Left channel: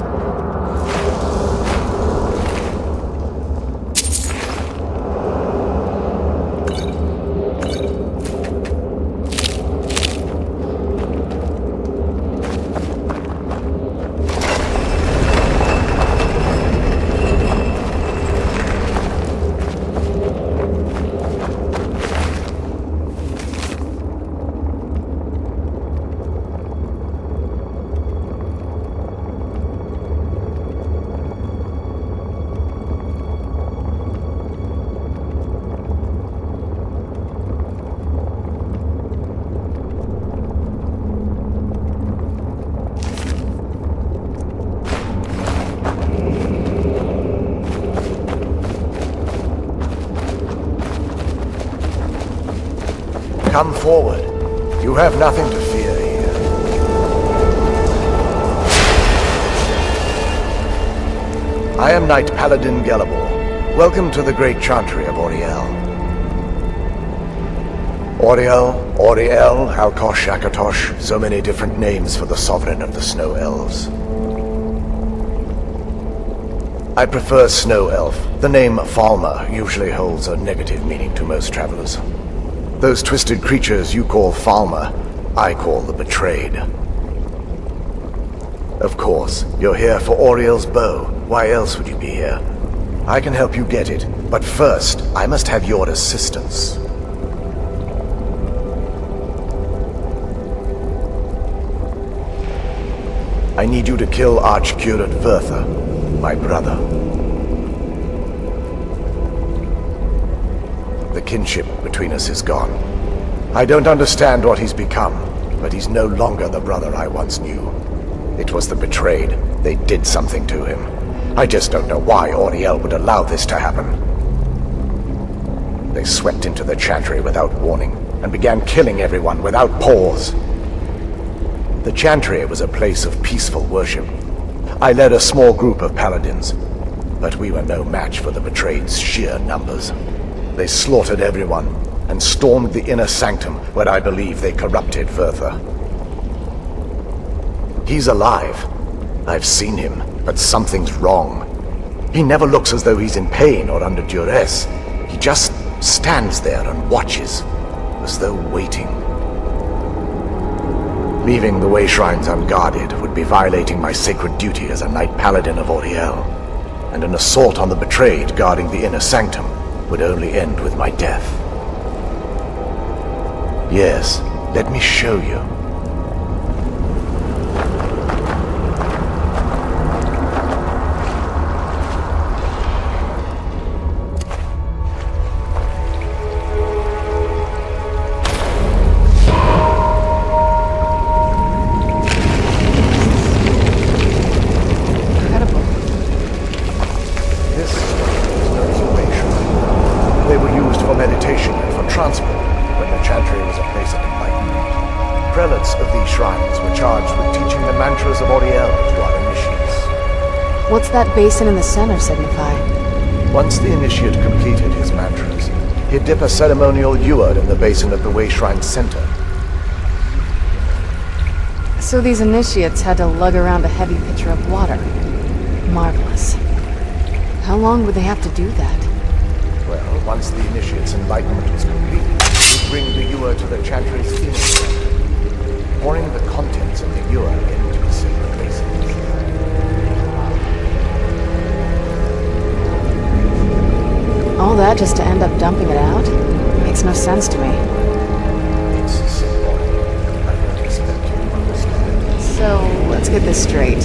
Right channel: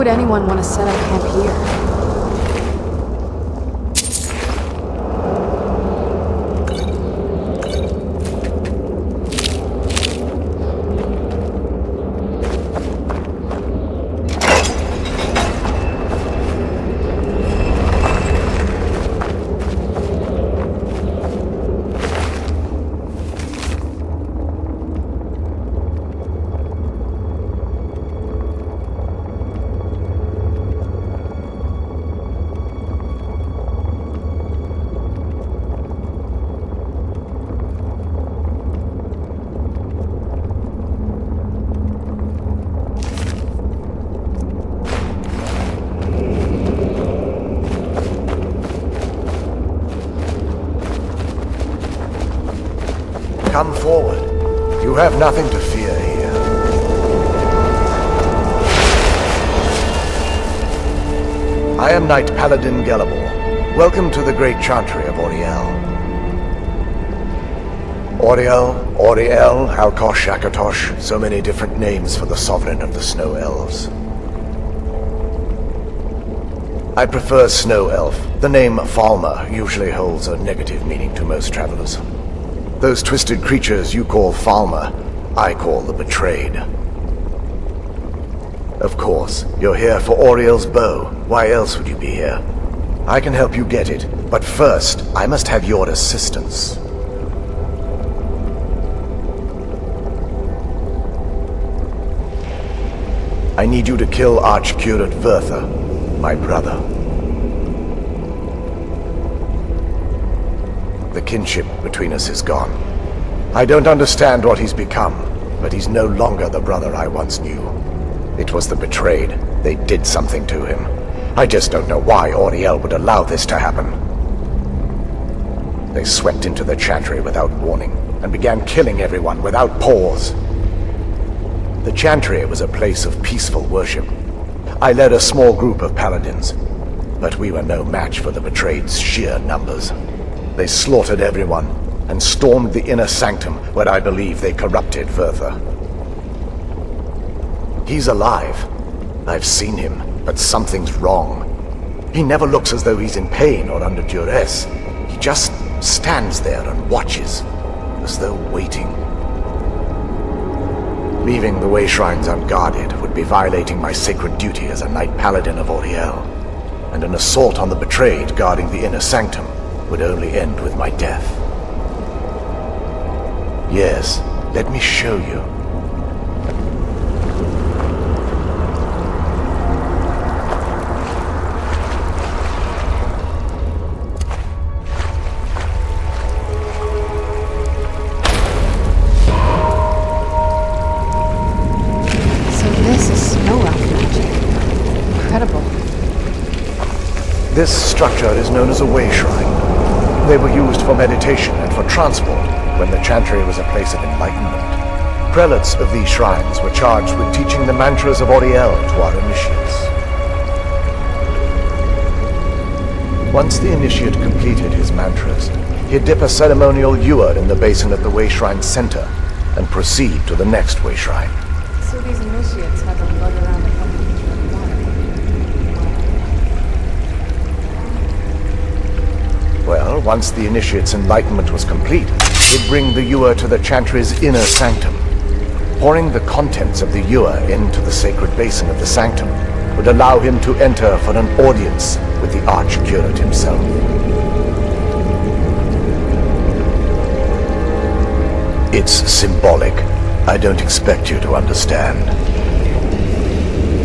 would anyone want to set up camp here? Come forward. You have nothing to fear here. I am Knight Paladin Gelabor. Welcome to the Great Chantry of Auriel. Auriel, Alkosh, Akatosh, so many different names for the sovereign of the Snow Elves. I prefer Snow Elf. The name Falmer usually holds a negative meaning to most travelers. Those twisted creatures you call Falmer, I call the Betrayed. Of course, you're here for Auriel's bow. Why else would you be here? I can help you get it, but first, I must have your assistance. I need you to kill Archcurate Vertha, my brother. The kinship between us is gone. I don't understand what he's become, but he's no longer the brother I once knew. It was the Betrayed. They did something to him. I just don't know why Auriel would allow this to happen. They swept into the Chantry without warning, and began killing everyone without pause. The Chantry was a place of peaceful worship. I led a small group of paladins, but we were no match for the Betrayed's sheer numbers. They slaughtered everyone, and stormed the inner sanctum where I believe they corrupted Vertha. He's alive. I've seen him, but something's wrong. He never looks as though he's in pain or under duress. He just stands there and watches, as though waiting. Leaving the way shrines unguarded would be violating my sacred duty as a Knight Paladin of Auriel, and an assault on the Betrayed guarding the inner sanctum would only end with my death. Yes, let me show you. This structure is known as a way shrine. They were used for meditation and for transport when the Chantry was a place of enlightenment. Prelates of these shrines were charged with teaching the mantras of Auriel to our initiates. What's that basin in the center signify? Once the initiate completed his mantras, he'd dip a ceremonial ewer in the basin at the way shrine's center and proceed to the next way shrine. So these initiates had to lug around a heavy pitcher of water. Marvelous. How long would they have to do that? Well, once the initiate's enlightenment was complete, they'd bring the ewer to the Chantry's inner sanctum. Pouring the contents of the ewer into the sacred basin of the sanctum would allow him to enter for an audience with the Archcurate himself. All that just to end up dumping it out? Makes no sense to me. It's symbolic. I don't expect you to understand. So, let's get this straight.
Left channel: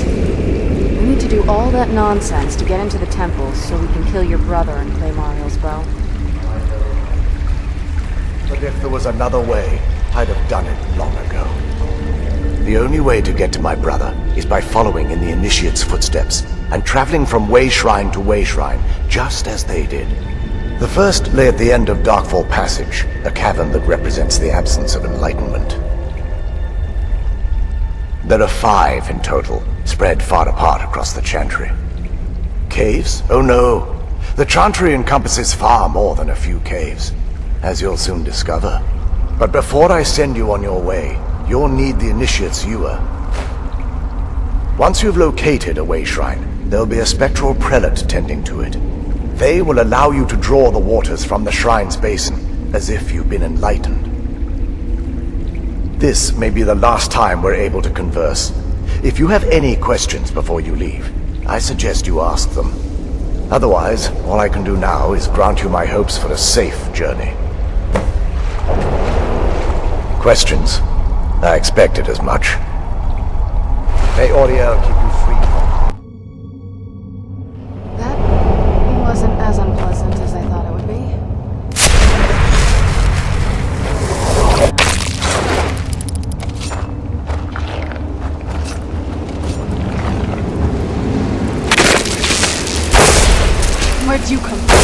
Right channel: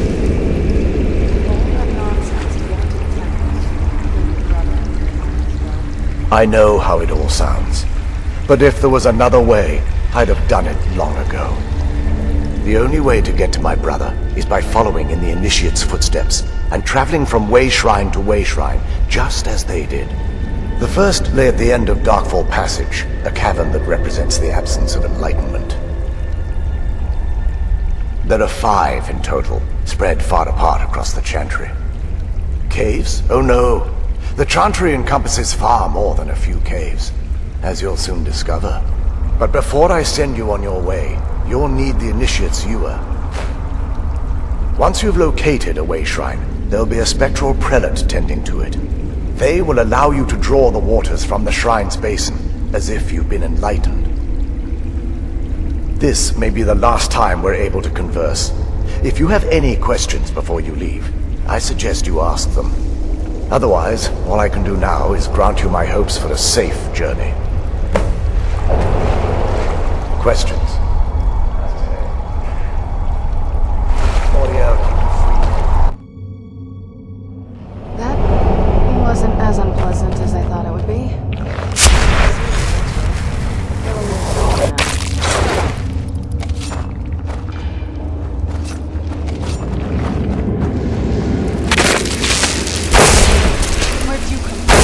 We need to do all that nonsense to get into the temple so we can kill your brother and claim Ariel's bow. I know how it all sounds. But if there was another way, I'd have done it long ago. The only way to get to my brother is by following in the initiate's footsteps and traveling from way shrine to way shrine, just as they did. The first lay at the end of Darkfall Passage, a cavern that represents the absence of enlightenment. There are 5 in total, spread far apart across the Chantry. Caves? Oh no. The Chantry encompasses far more than a few caves, as you'll soon discover. But before I send you on your way, you'll need the initiate's ewer. Once you've located a way shrine, there'll be a spectral prelate tending to it. They will allow you to draw the waters from the shrine's basin, as if you've been enlightened. This may be the last time we're able to converse. If you have any questions before you leave, I suggest you ask them. Otherwise, all I can do now is grant you my hopes for a safe journey. Questions? I expected as much. May Auriel keep you free from harm. That wasn't as unpleasant as I thought it would be. Where'd you come from?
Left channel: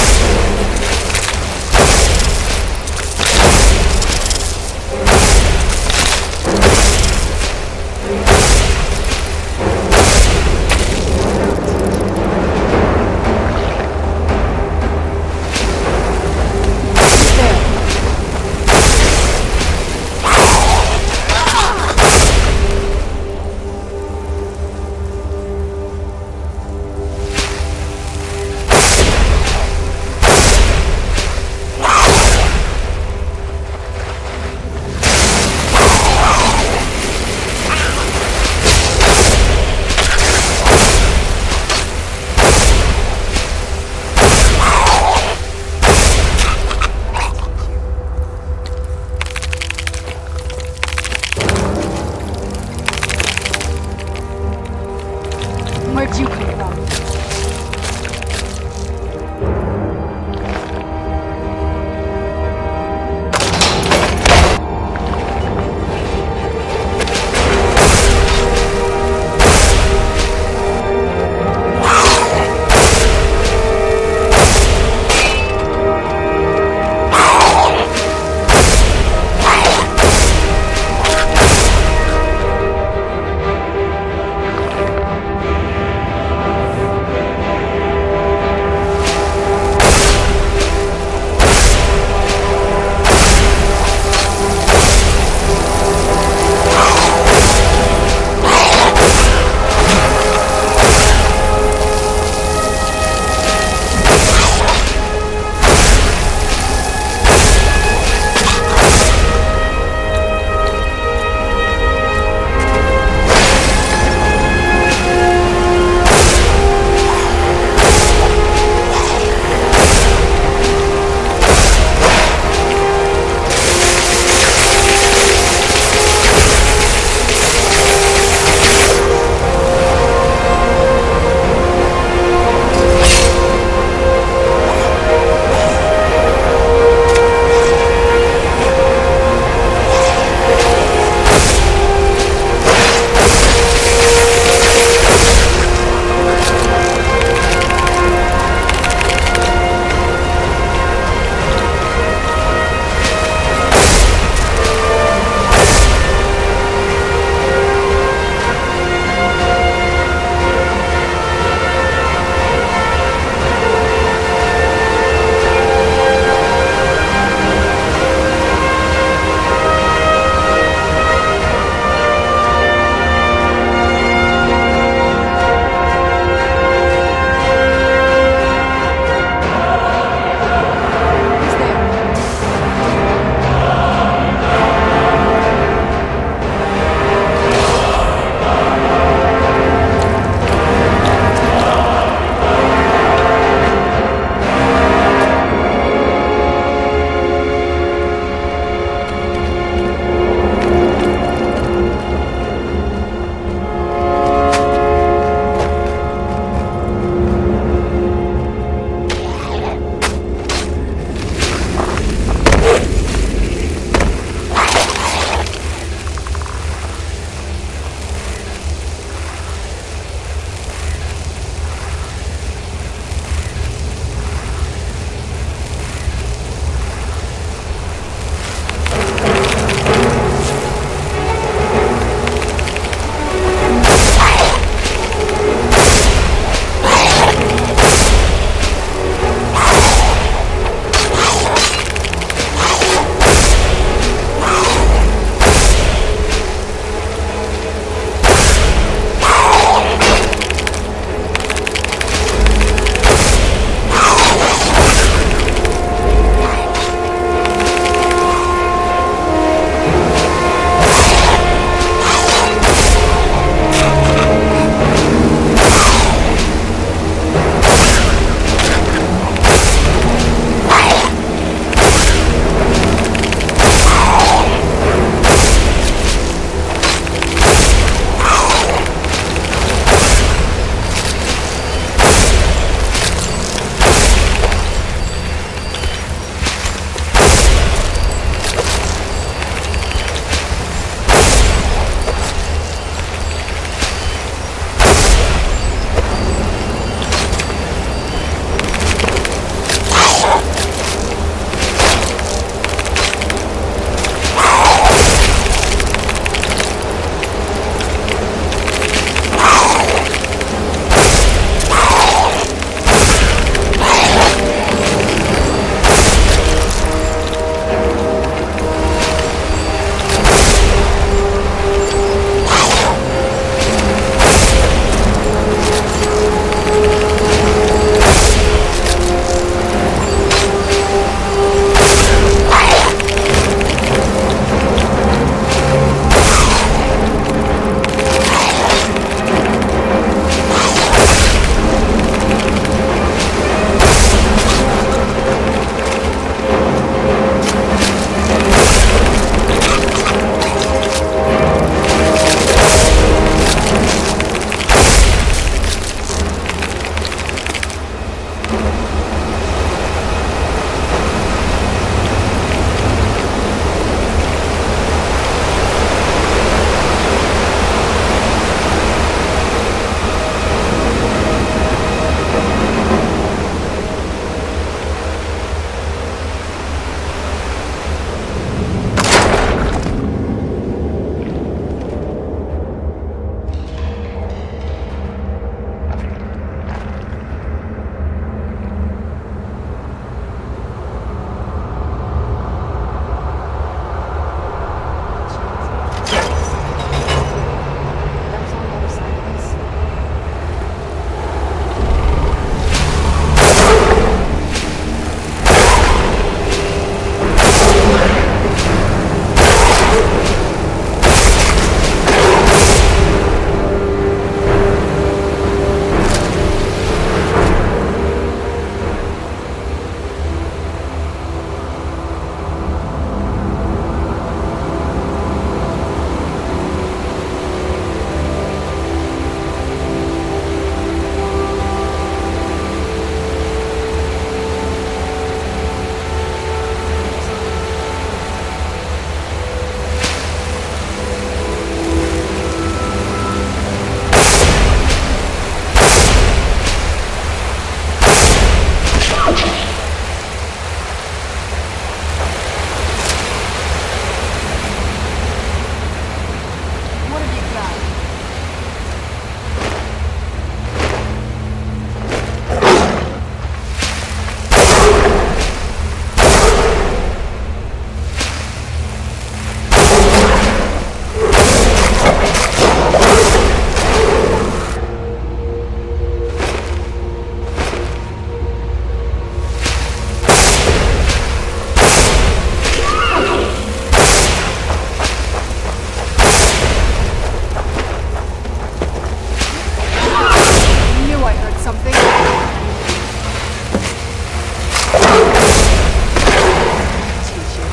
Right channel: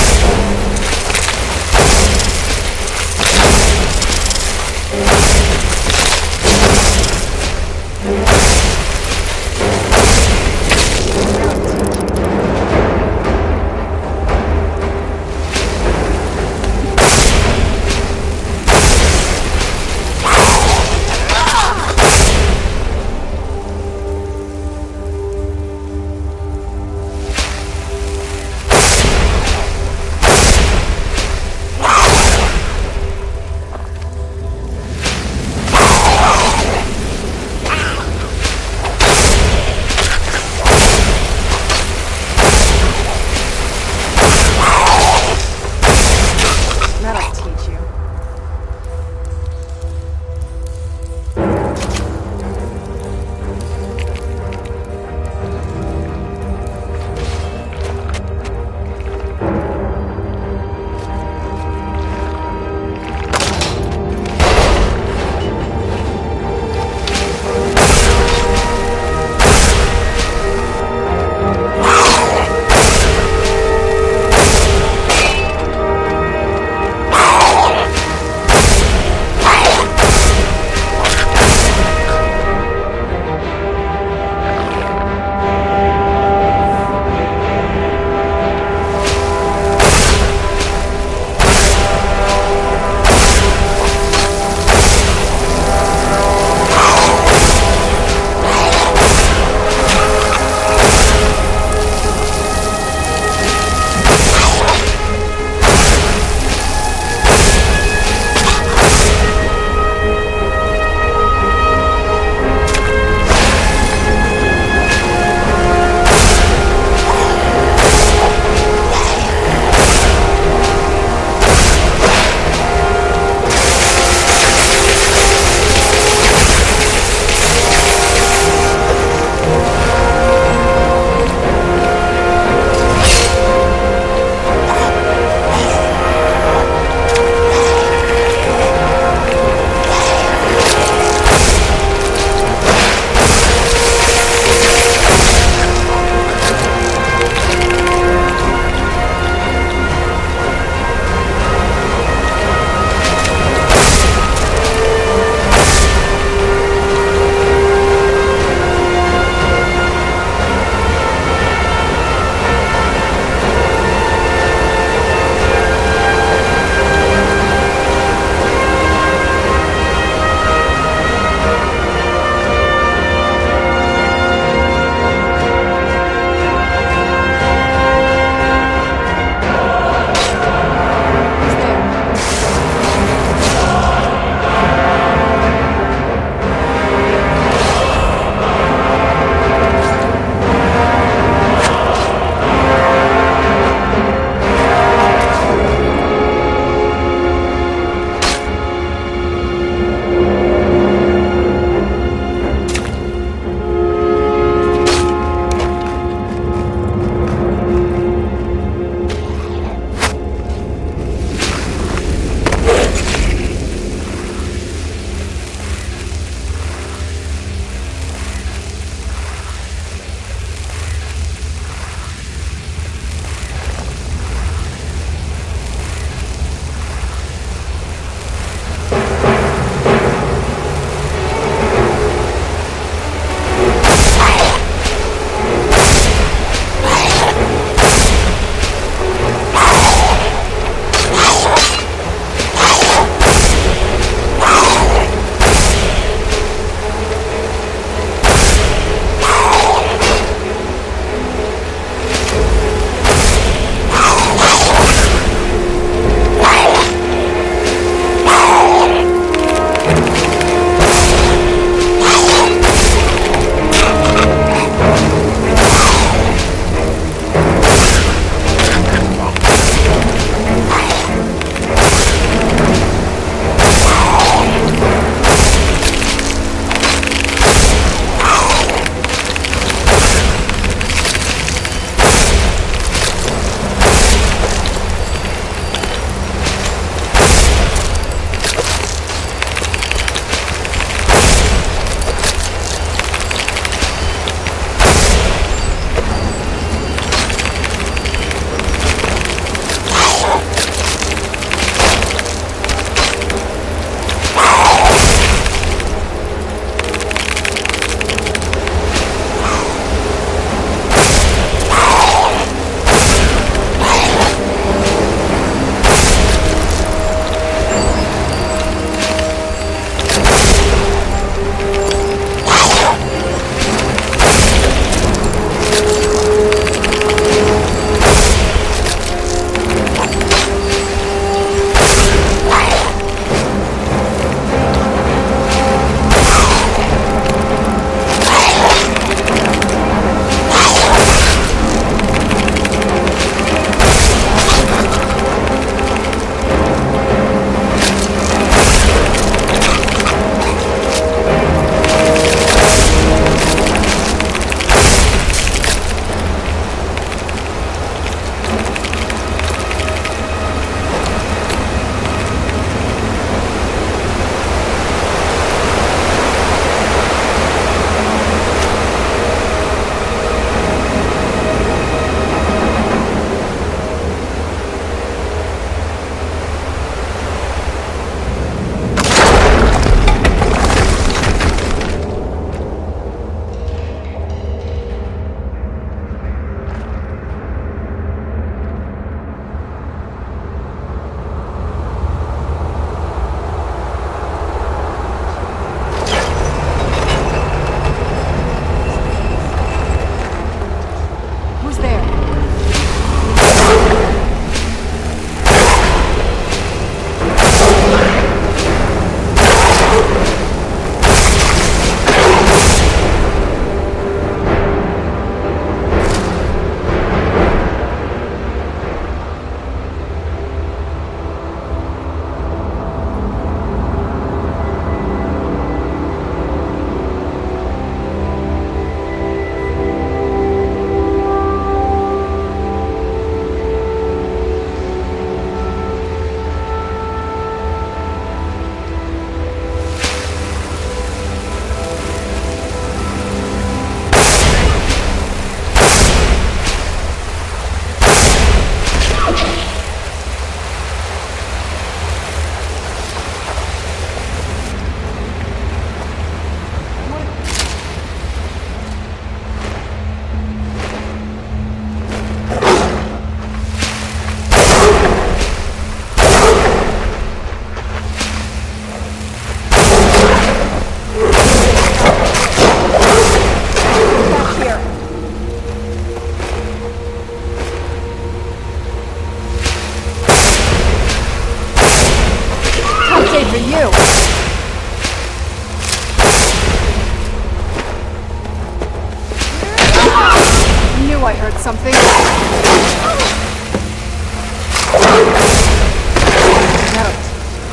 That'll teach you.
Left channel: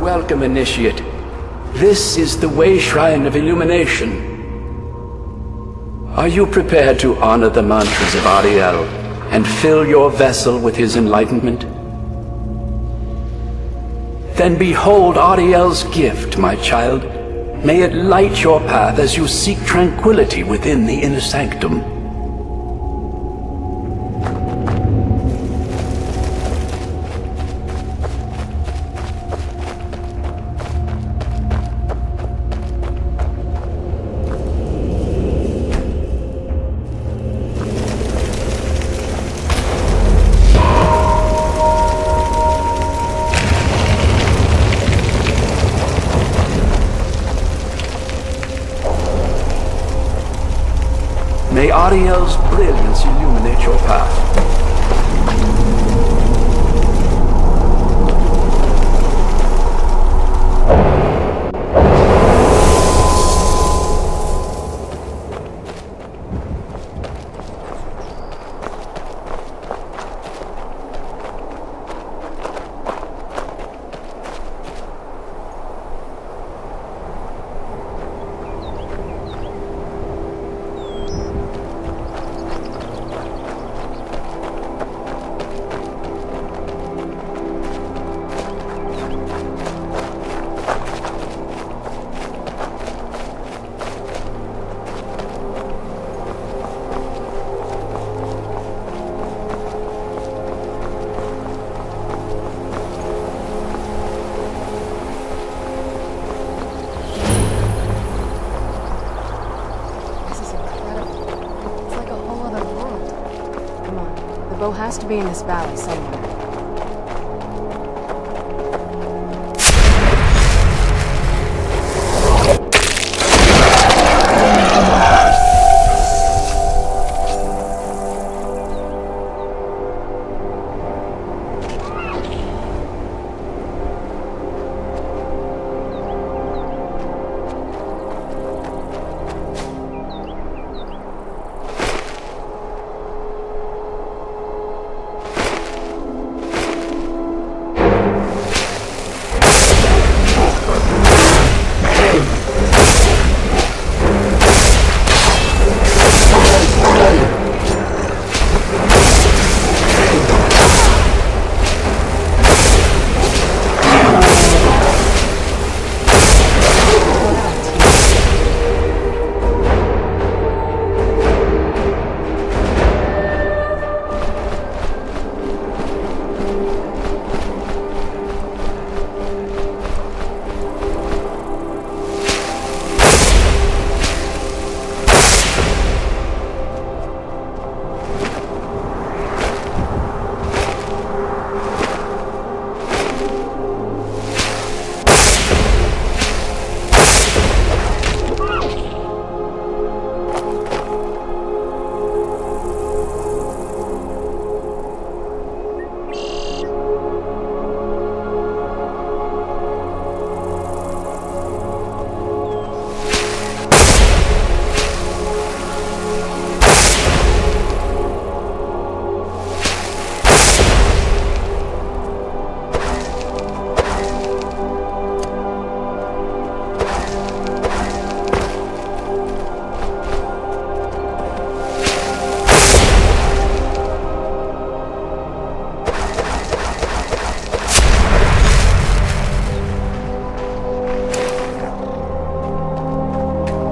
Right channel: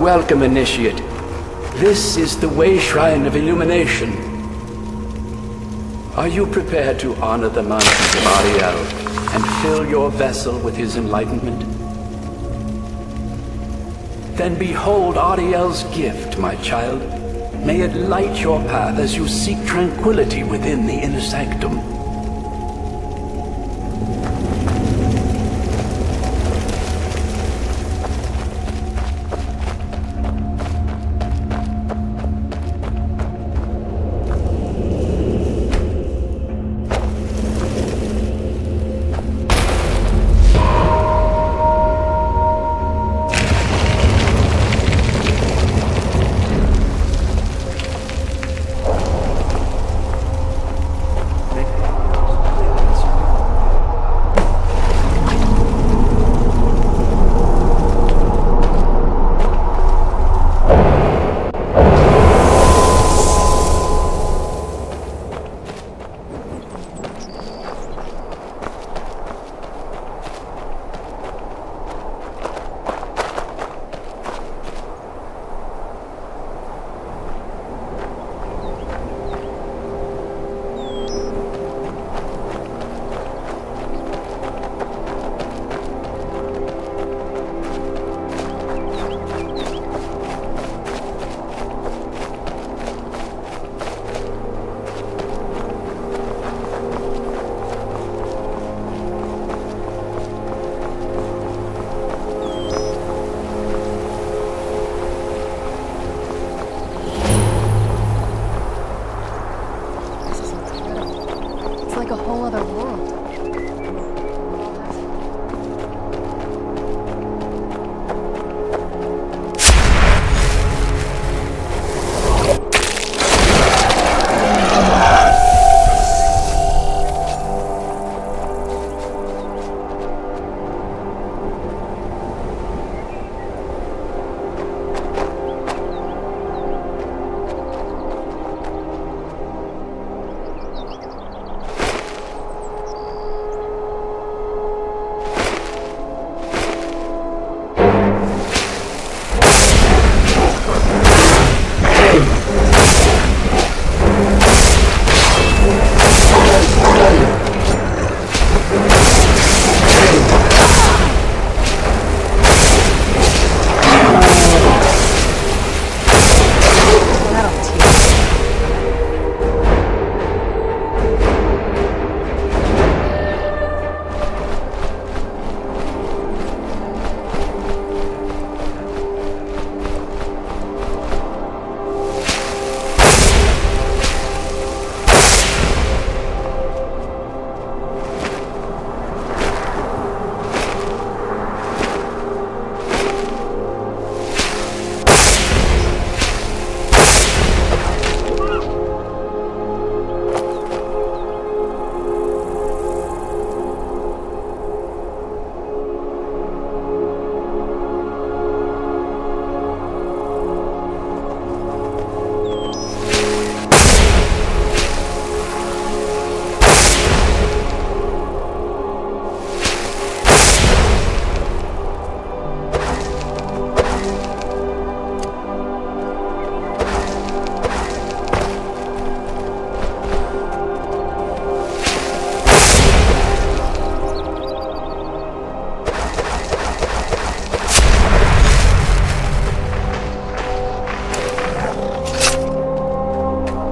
Welcome, Initiate. This is the Way Shrine of Illumination. Are you prepared to honor the mantras of Ariel and fill your vessel with his enlightenment? Then behold Ariel's gift, my child. May it light your path as you seek tranquility within the inner sanctum. May Ariel's brilliance illuminate your path. This is incredible. It's like a whole other world. Come on, the bow has to be in this valley somewhere.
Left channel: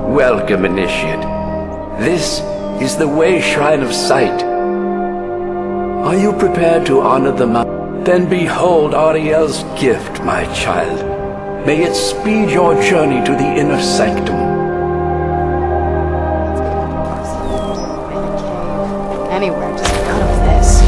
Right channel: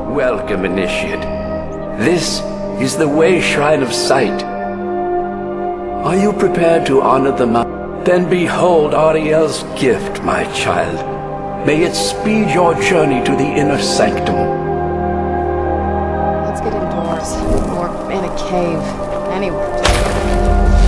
Welcome, Initiate. This is the Way Shrine of Sight. Are you prepared to honor the mountain? Then behold Ariel's gift, my child. May it speed your journey to the inner sanctum. Let's get indoors. Or in a cave. Anywhere, just to cover this.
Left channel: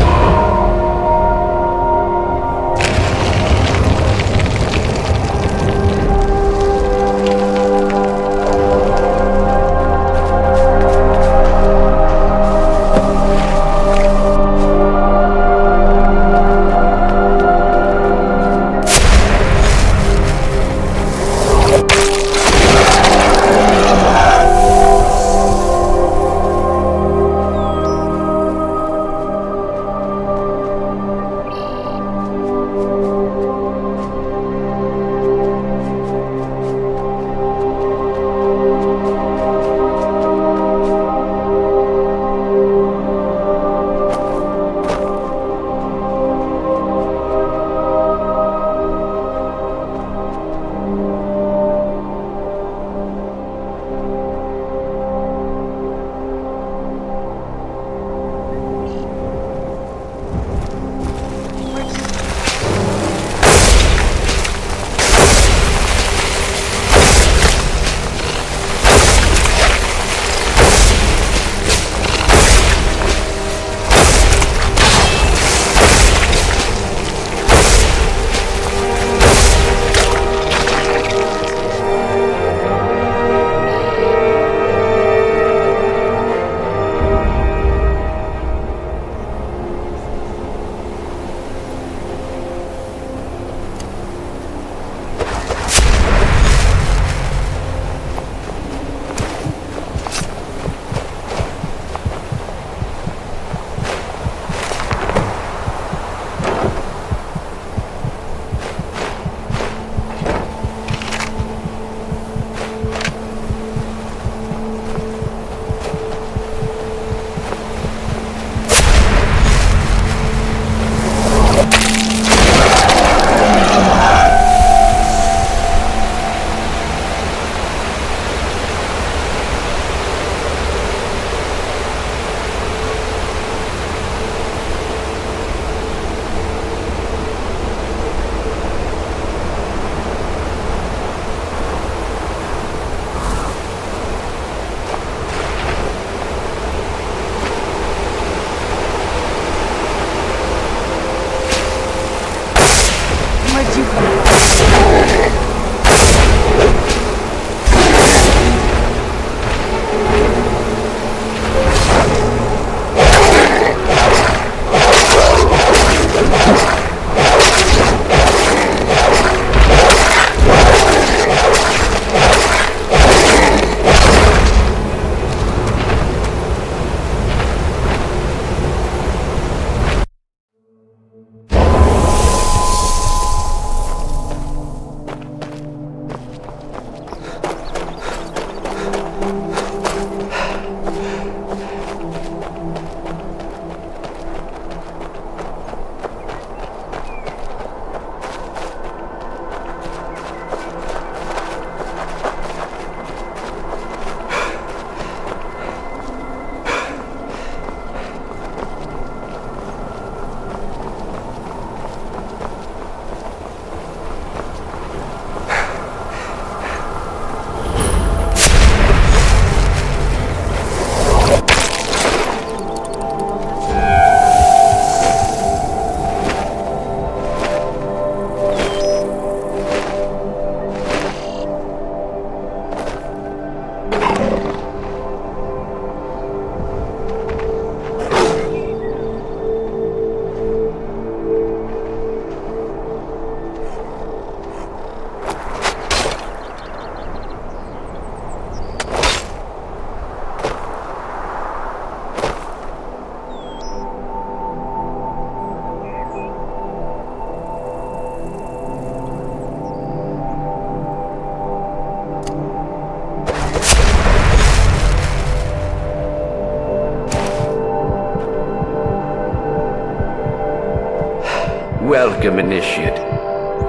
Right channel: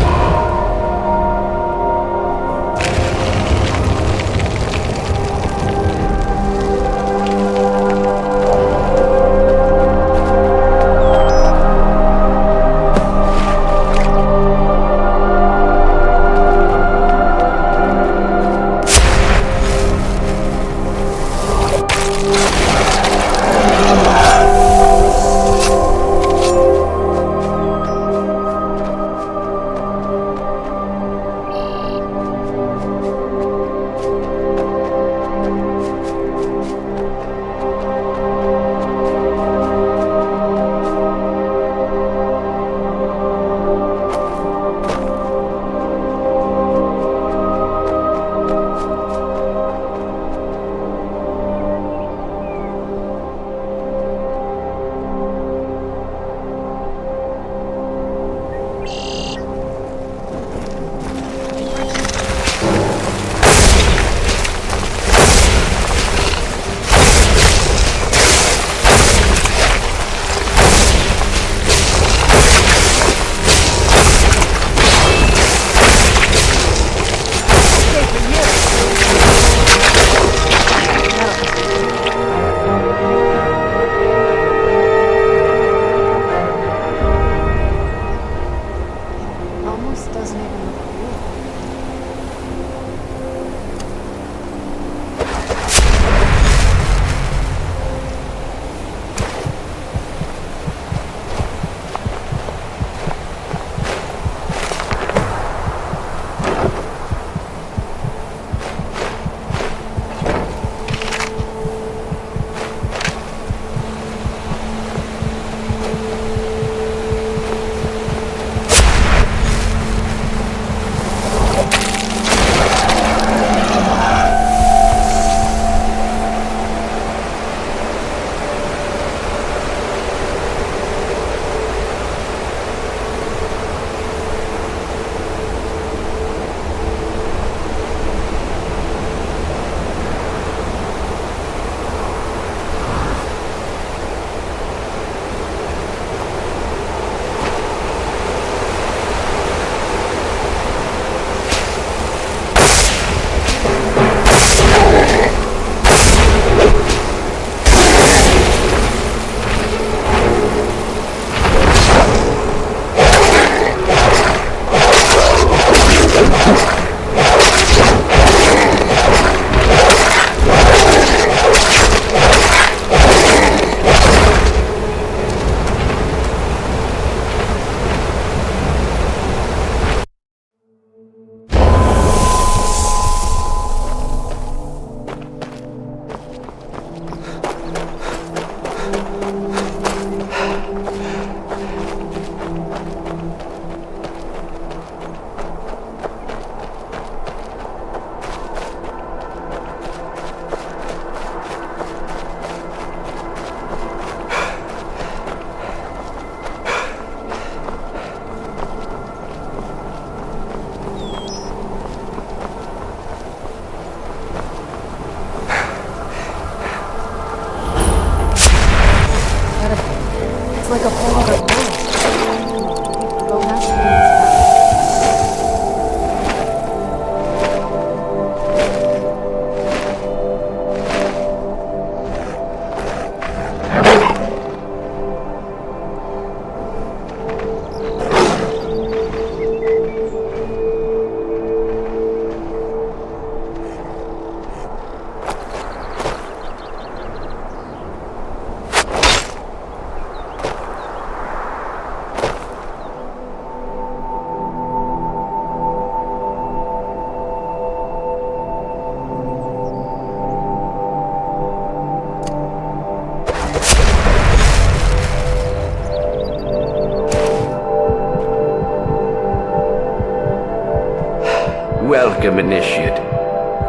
Welcome, Initiate.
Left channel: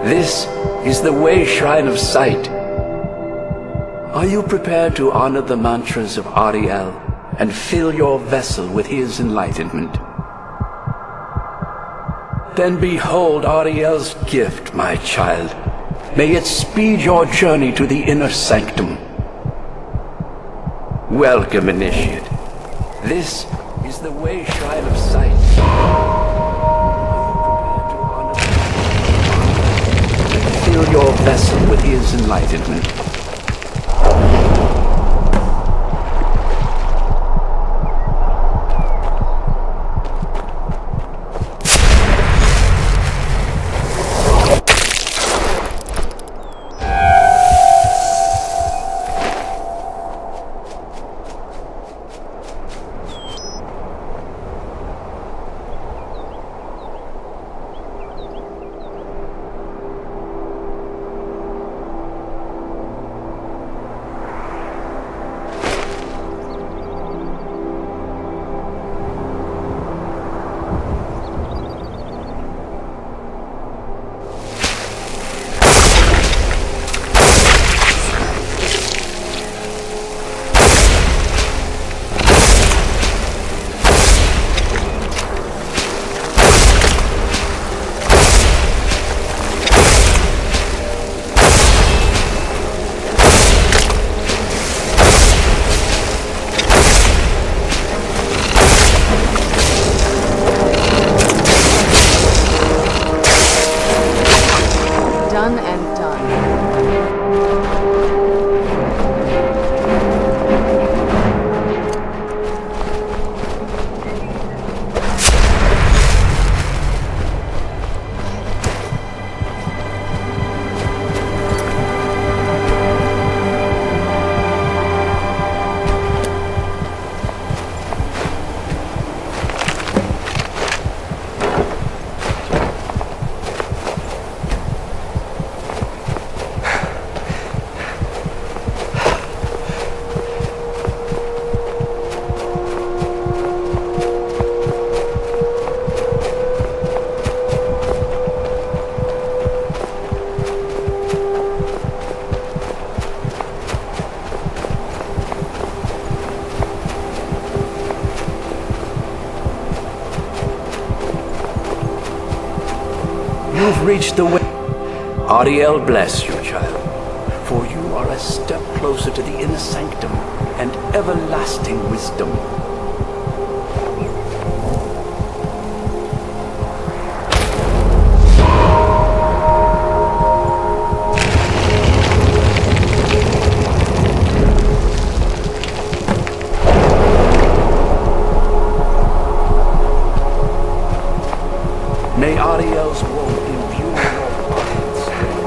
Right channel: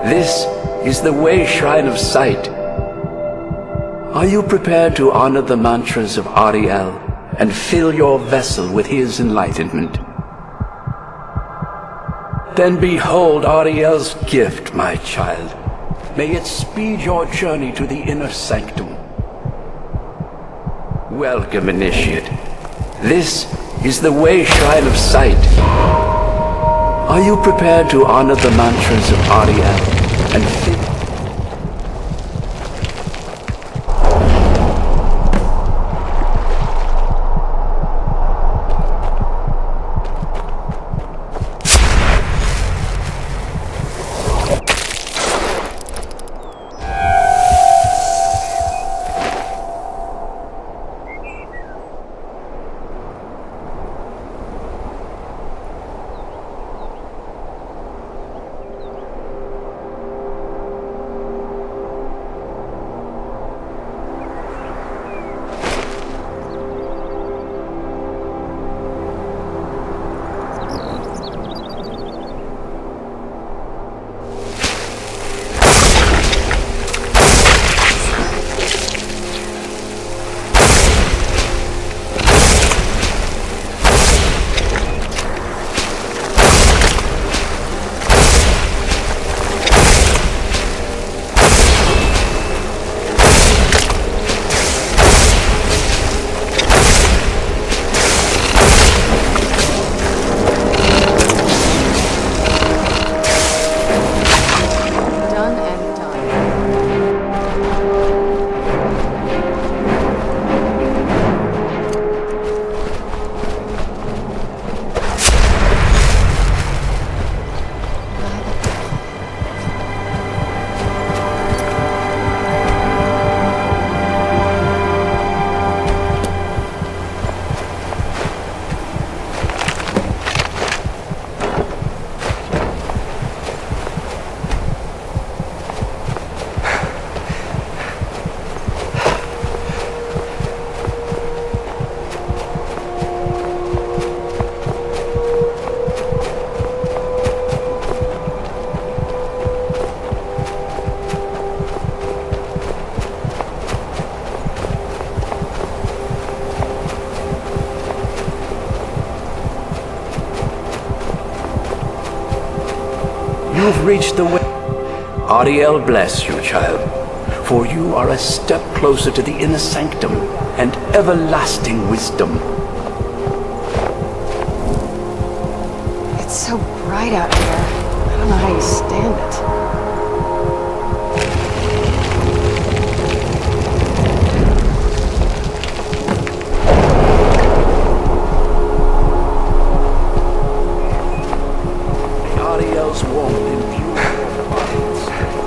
This is the Way Shrine of Sight. Are you prepared to honor the mantras of Ariel and fill your vessel with his enlightenment? Then behold Ariel's gift, my child. May it speed your journey to the inner sanctum. Welcome, Initiate. This is the Way Shrine of Sight. Are you prepared to honor the mantras of Ariel and fill your vessel with his enlightenment? Done and done. You've reached the way. Ariel bless you, child, for you are a step closer to the inner sanctum and everlasting wisdom. It's so bright out here. I don't understand it. May Ariel's warmth imbue your body and strength.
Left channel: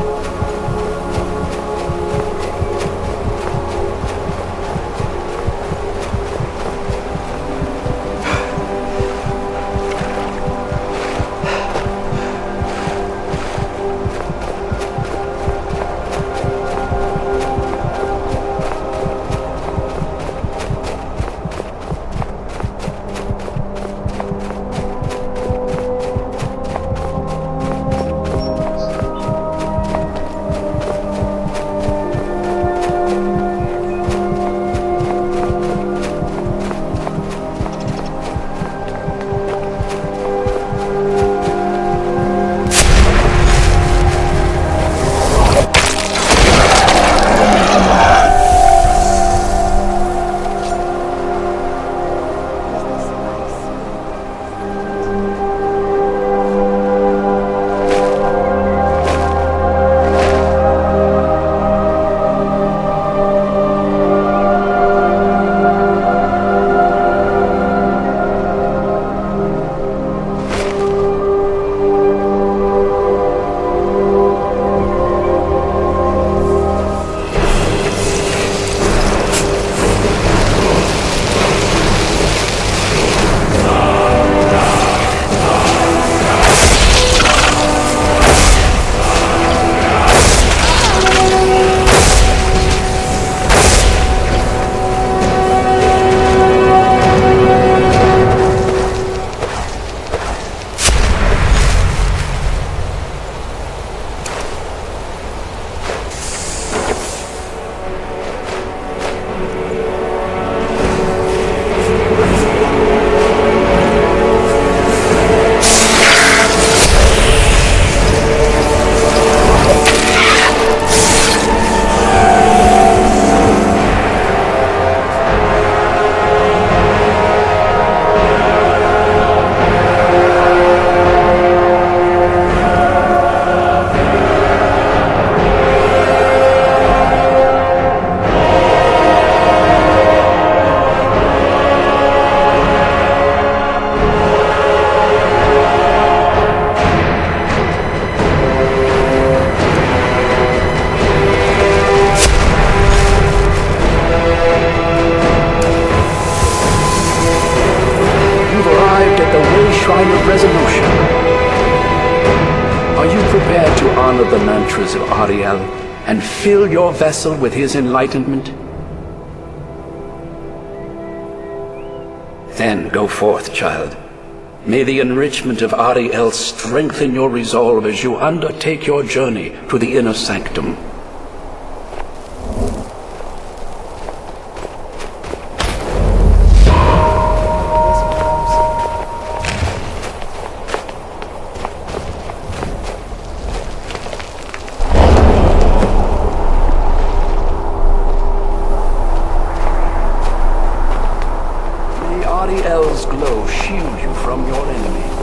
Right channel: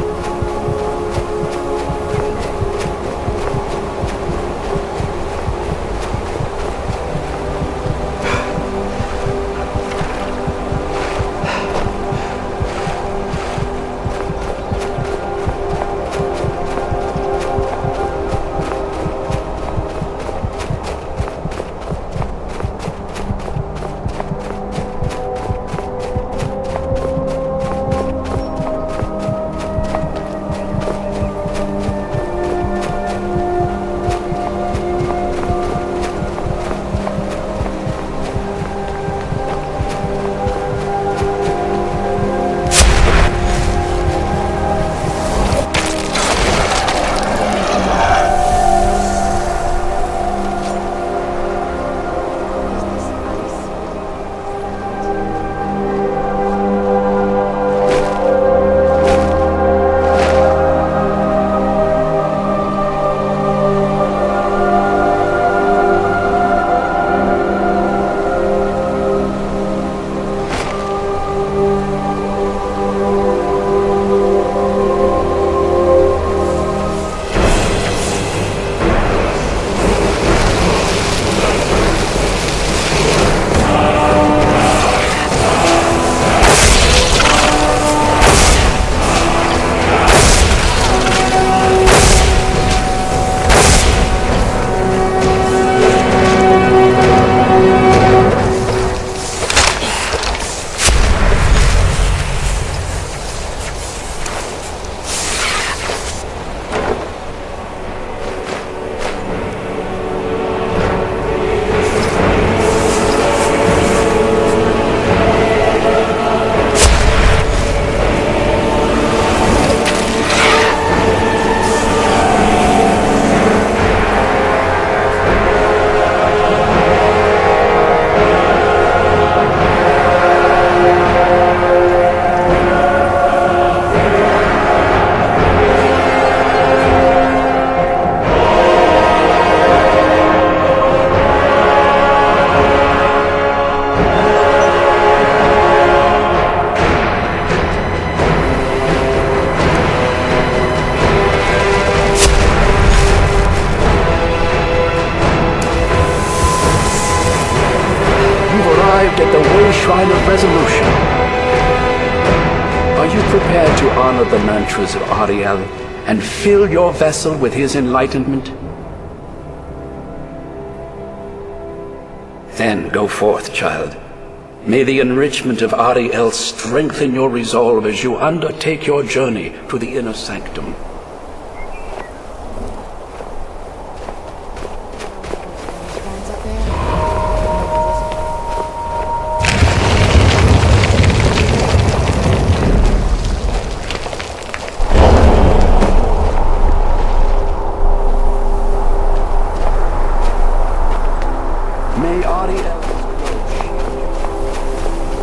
You've arrived at the way shrine of resolution. Are you prepared to honor the mantras of Ariel and fill your vessel with his enlightenment? Then go forth, child. May the enrichment of Ariel strengthen your resolve as you undertake your journey to the inner sanctum. May Ariel's glow shield you from your enemies.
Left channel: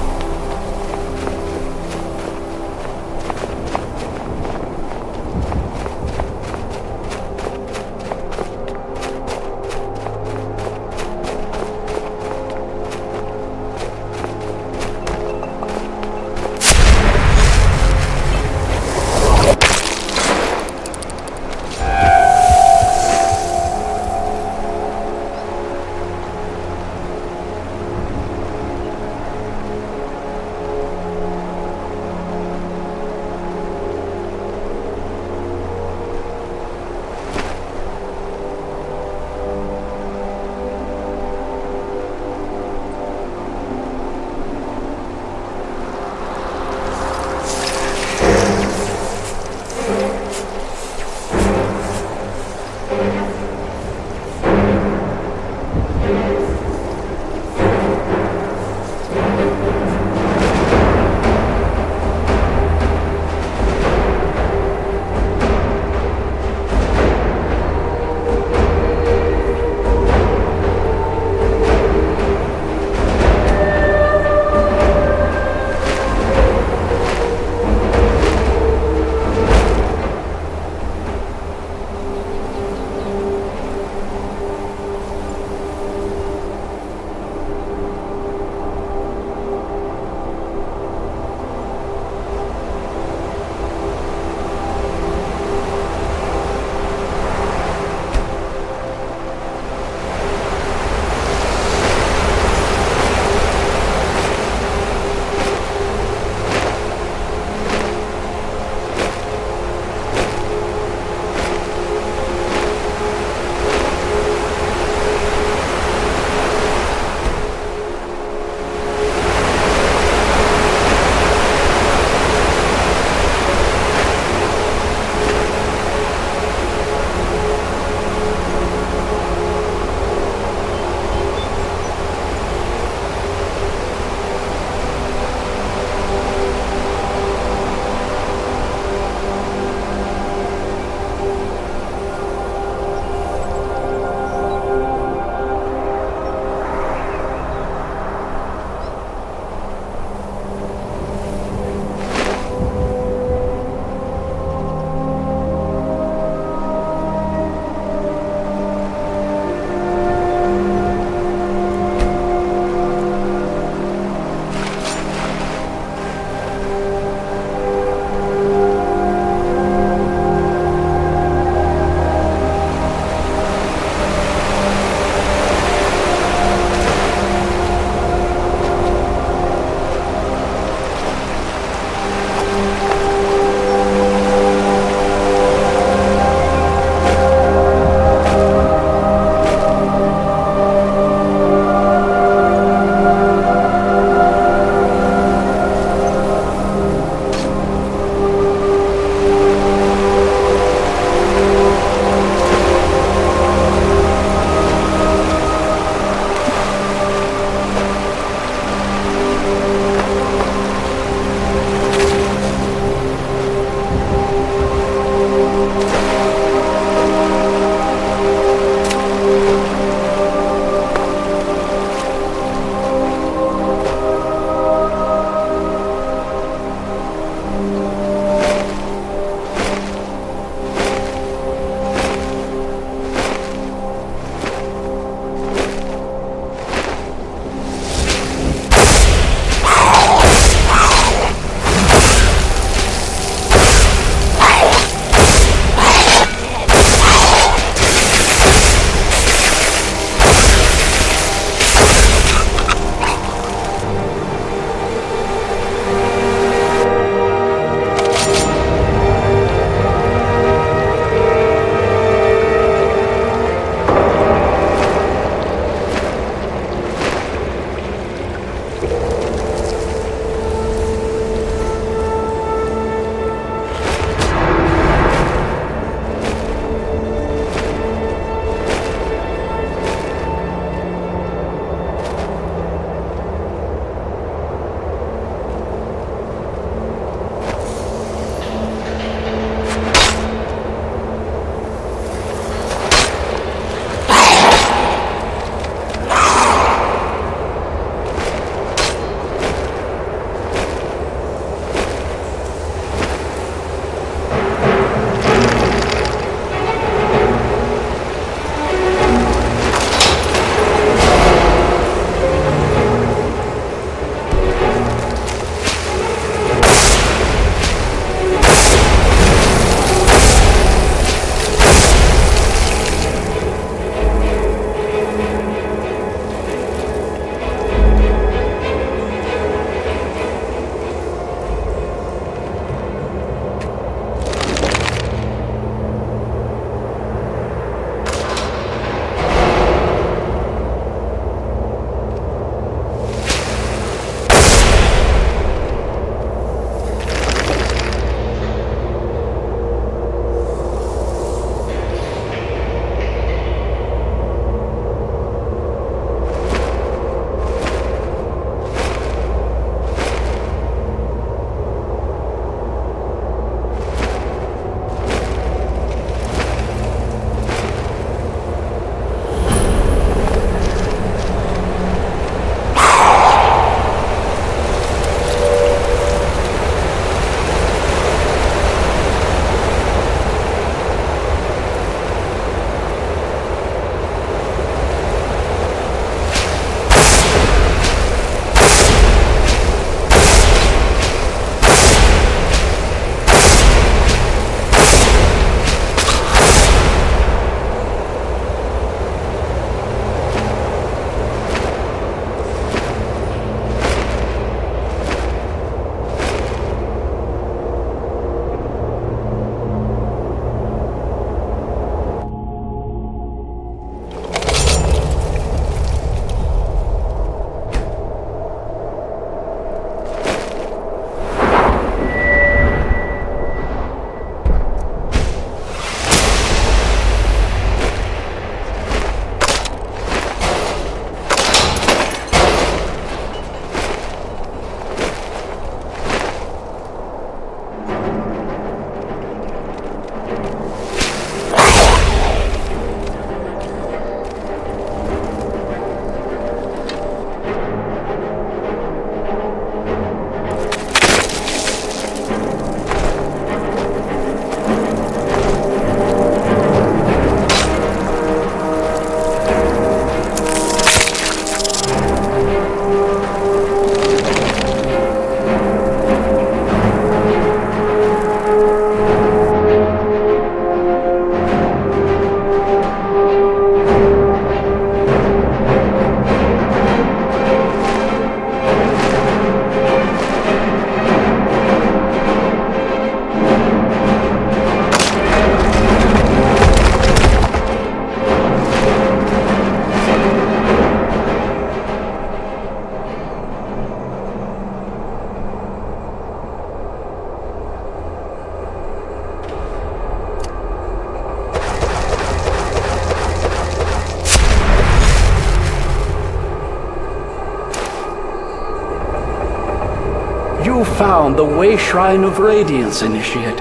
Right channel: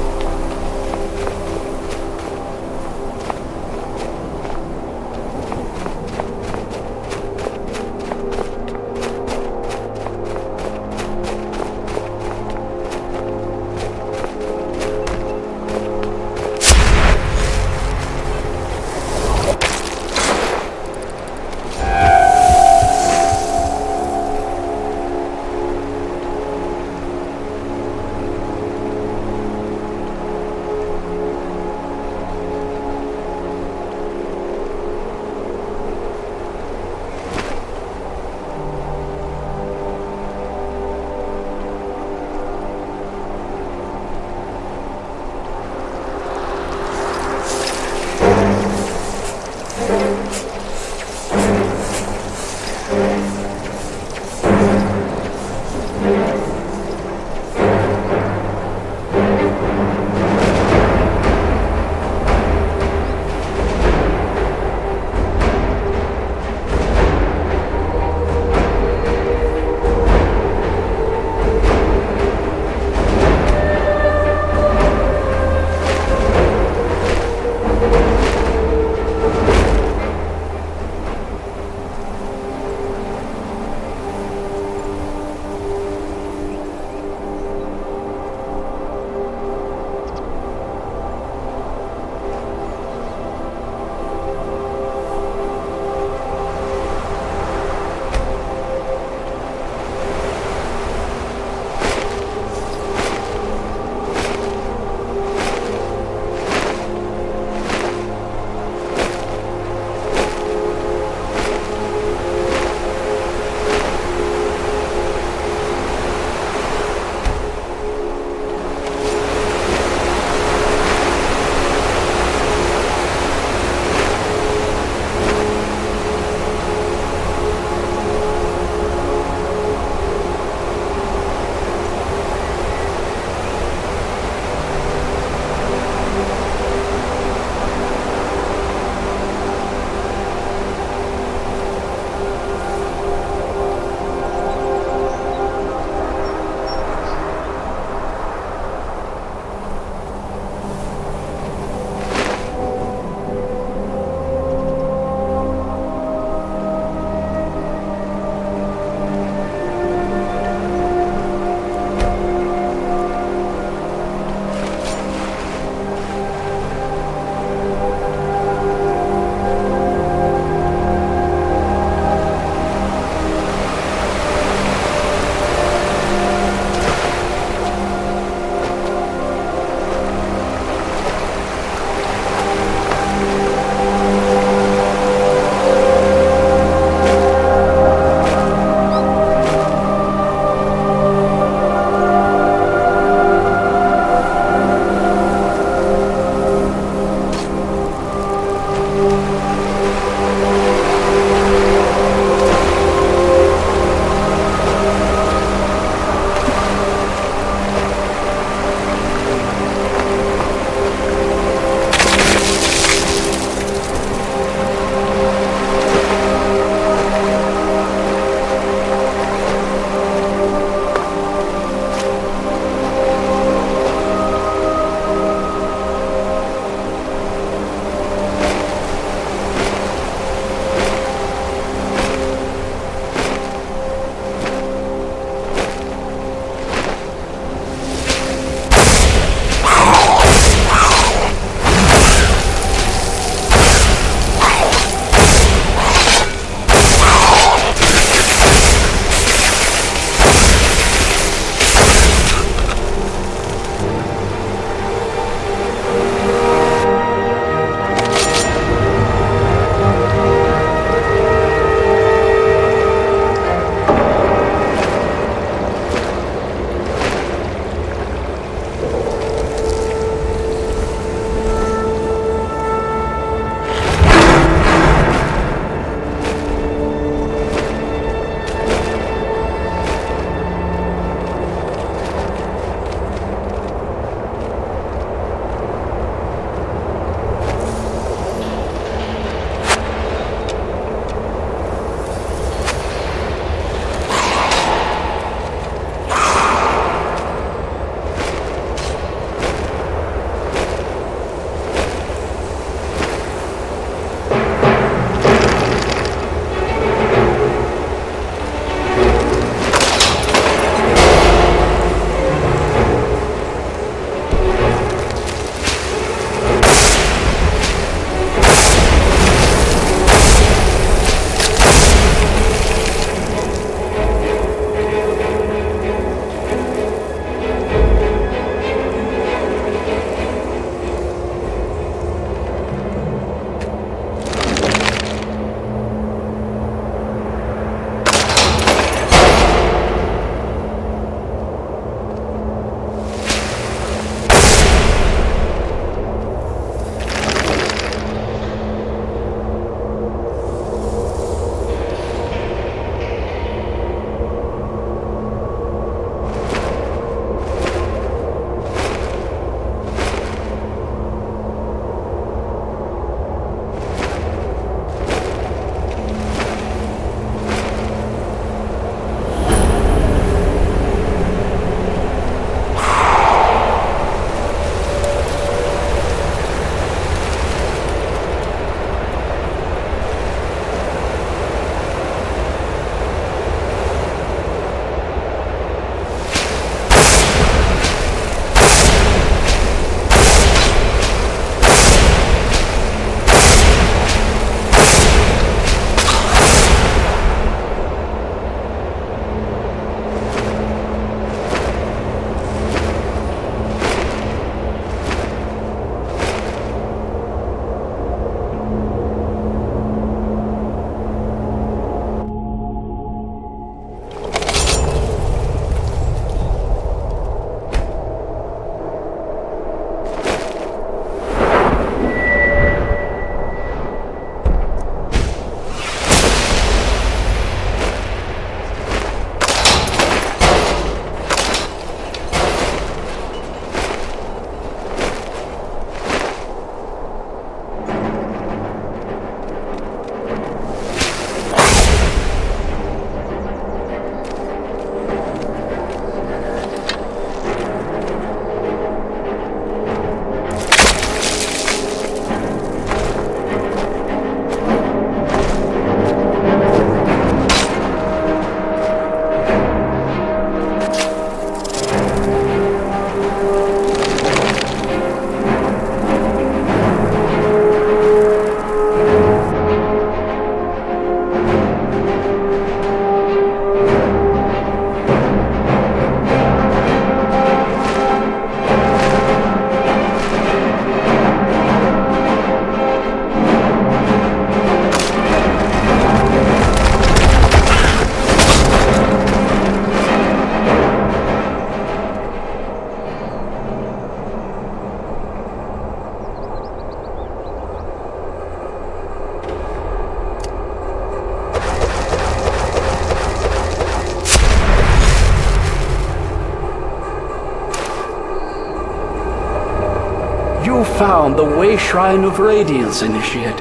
found the Way Shrine of Radiance, Initiate?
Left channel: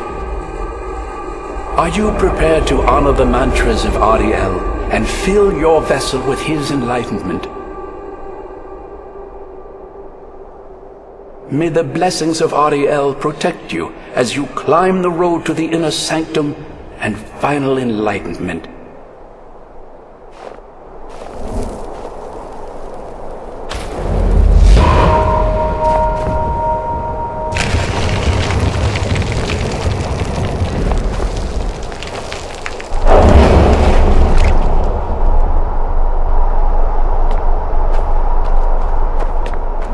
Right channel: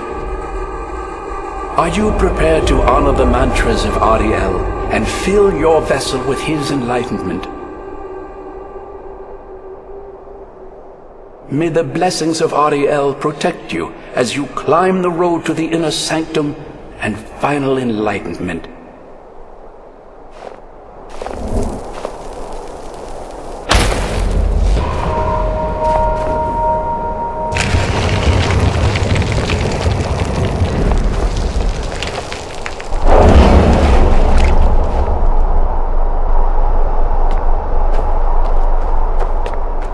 Are you prepared to honor the mantras of Ariel and fill your vessel with his enlightenment? May the blessings of Ariel protect you as you climb the road to the inner sanctum and final enlightenment.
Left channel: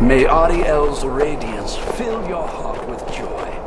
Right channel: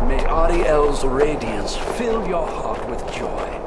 May Ariel's radiance fill your heart with joy.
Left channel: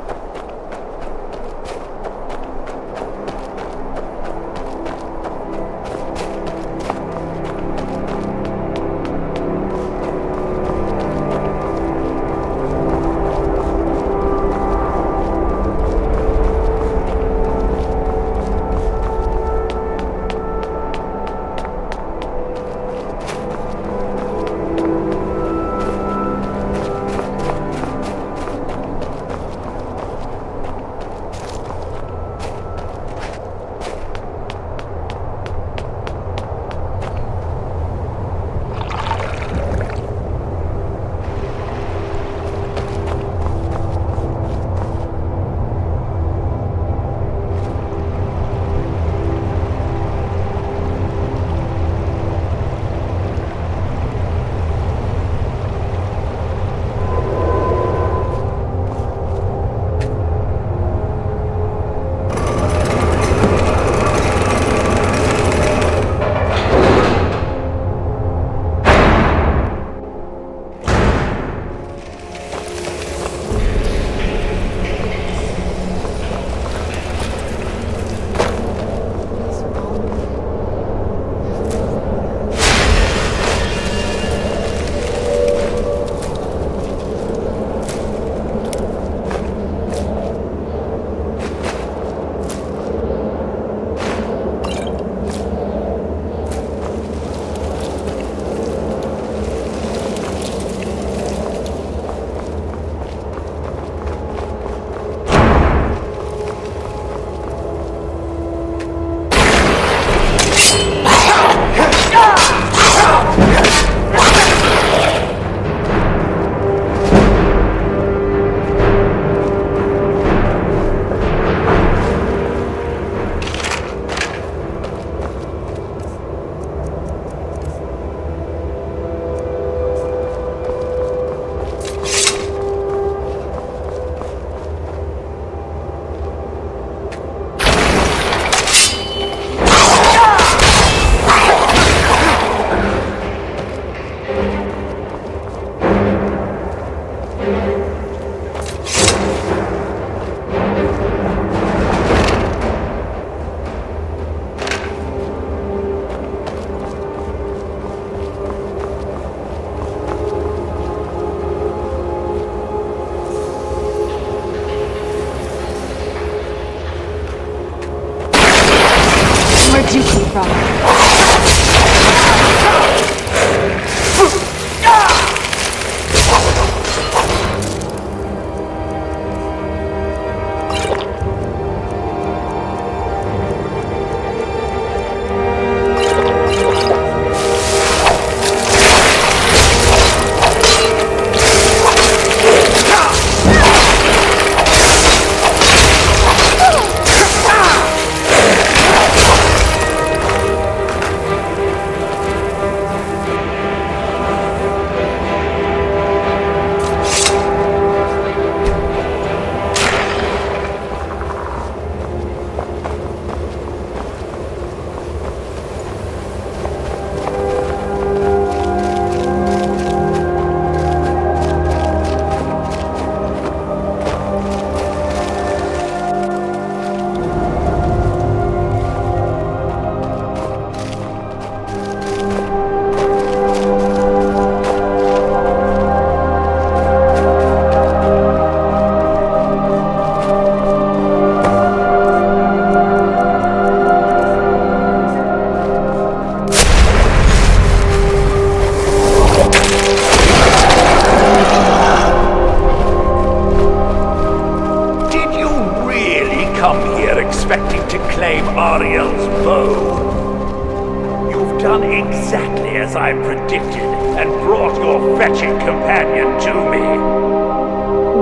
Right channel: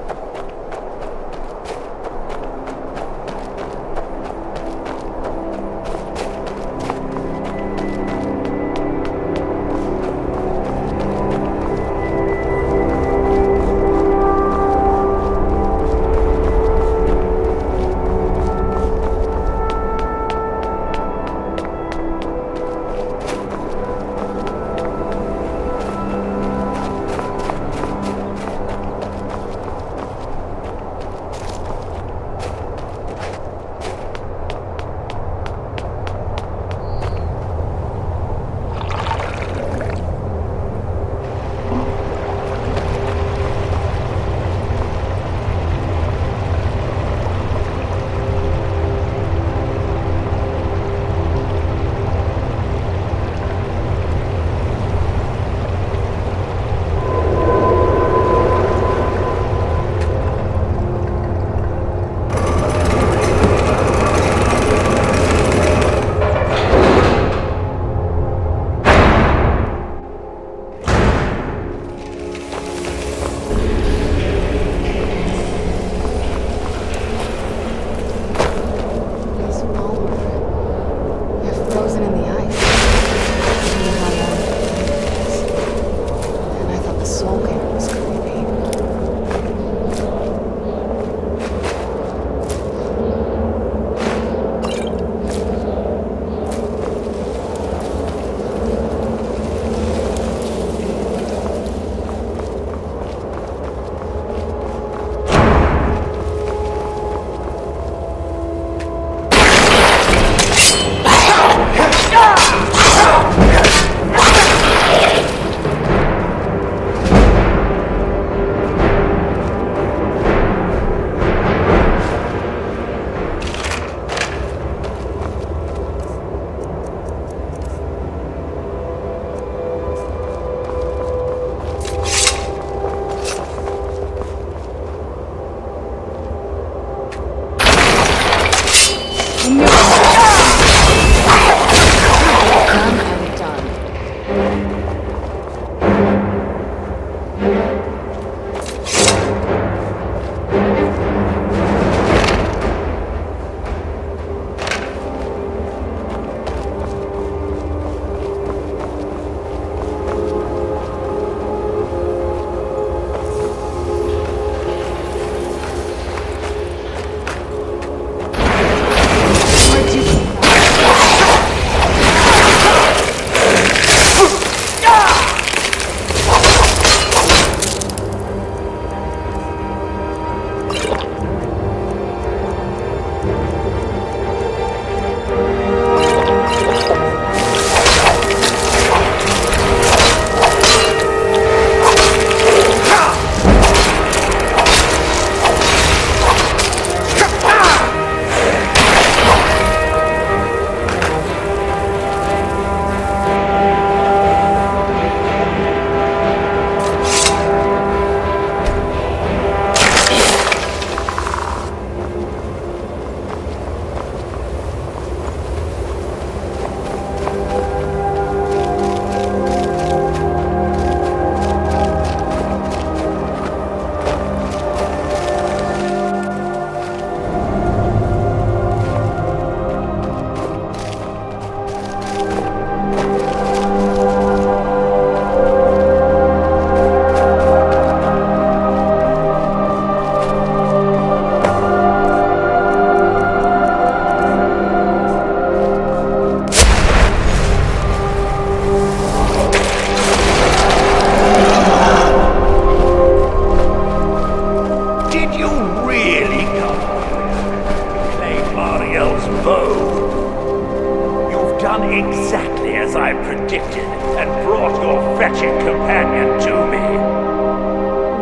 brought your fetching companion to me.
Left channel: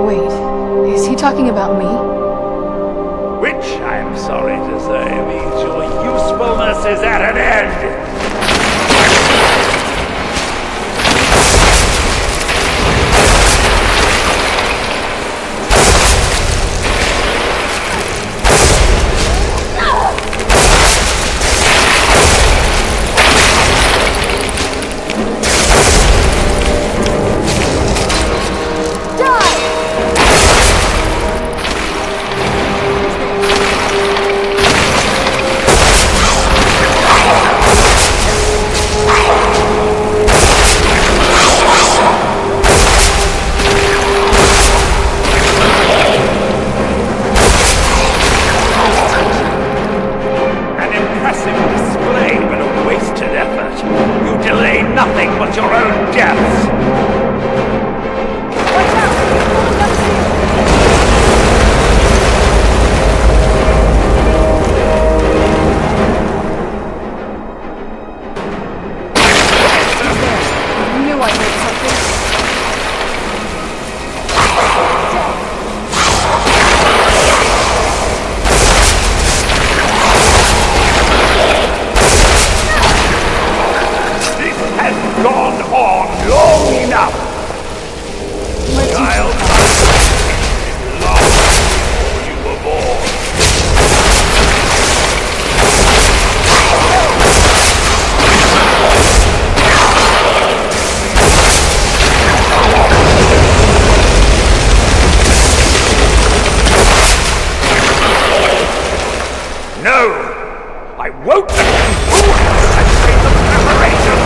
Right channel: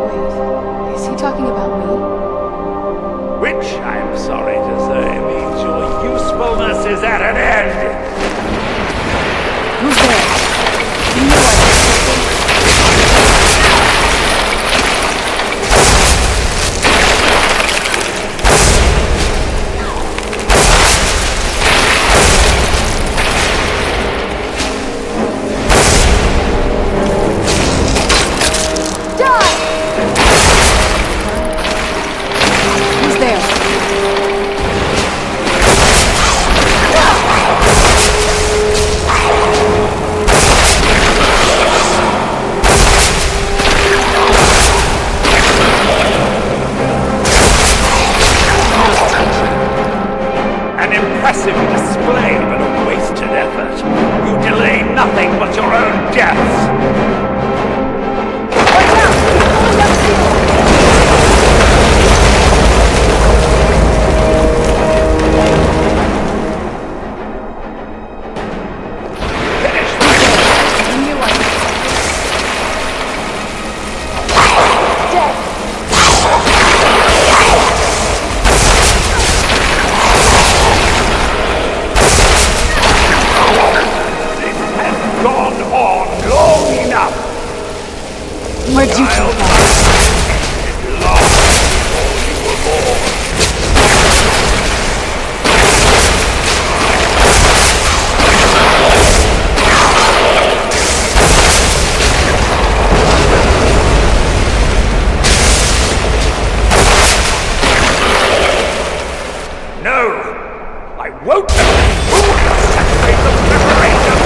Wait, is he talking about me? Which, I'm sorry to say, means your usefulness is at an end. Who's there? Impressive display, but a wasted effort. You delay nothing but your own deaths. Watch out! Pulling down the Who's there? I knew I heard something. Dead! Gone on long enough. Where'd you Child, come from? it long before you were born. No, I won't let you ruin the centuries of preparation.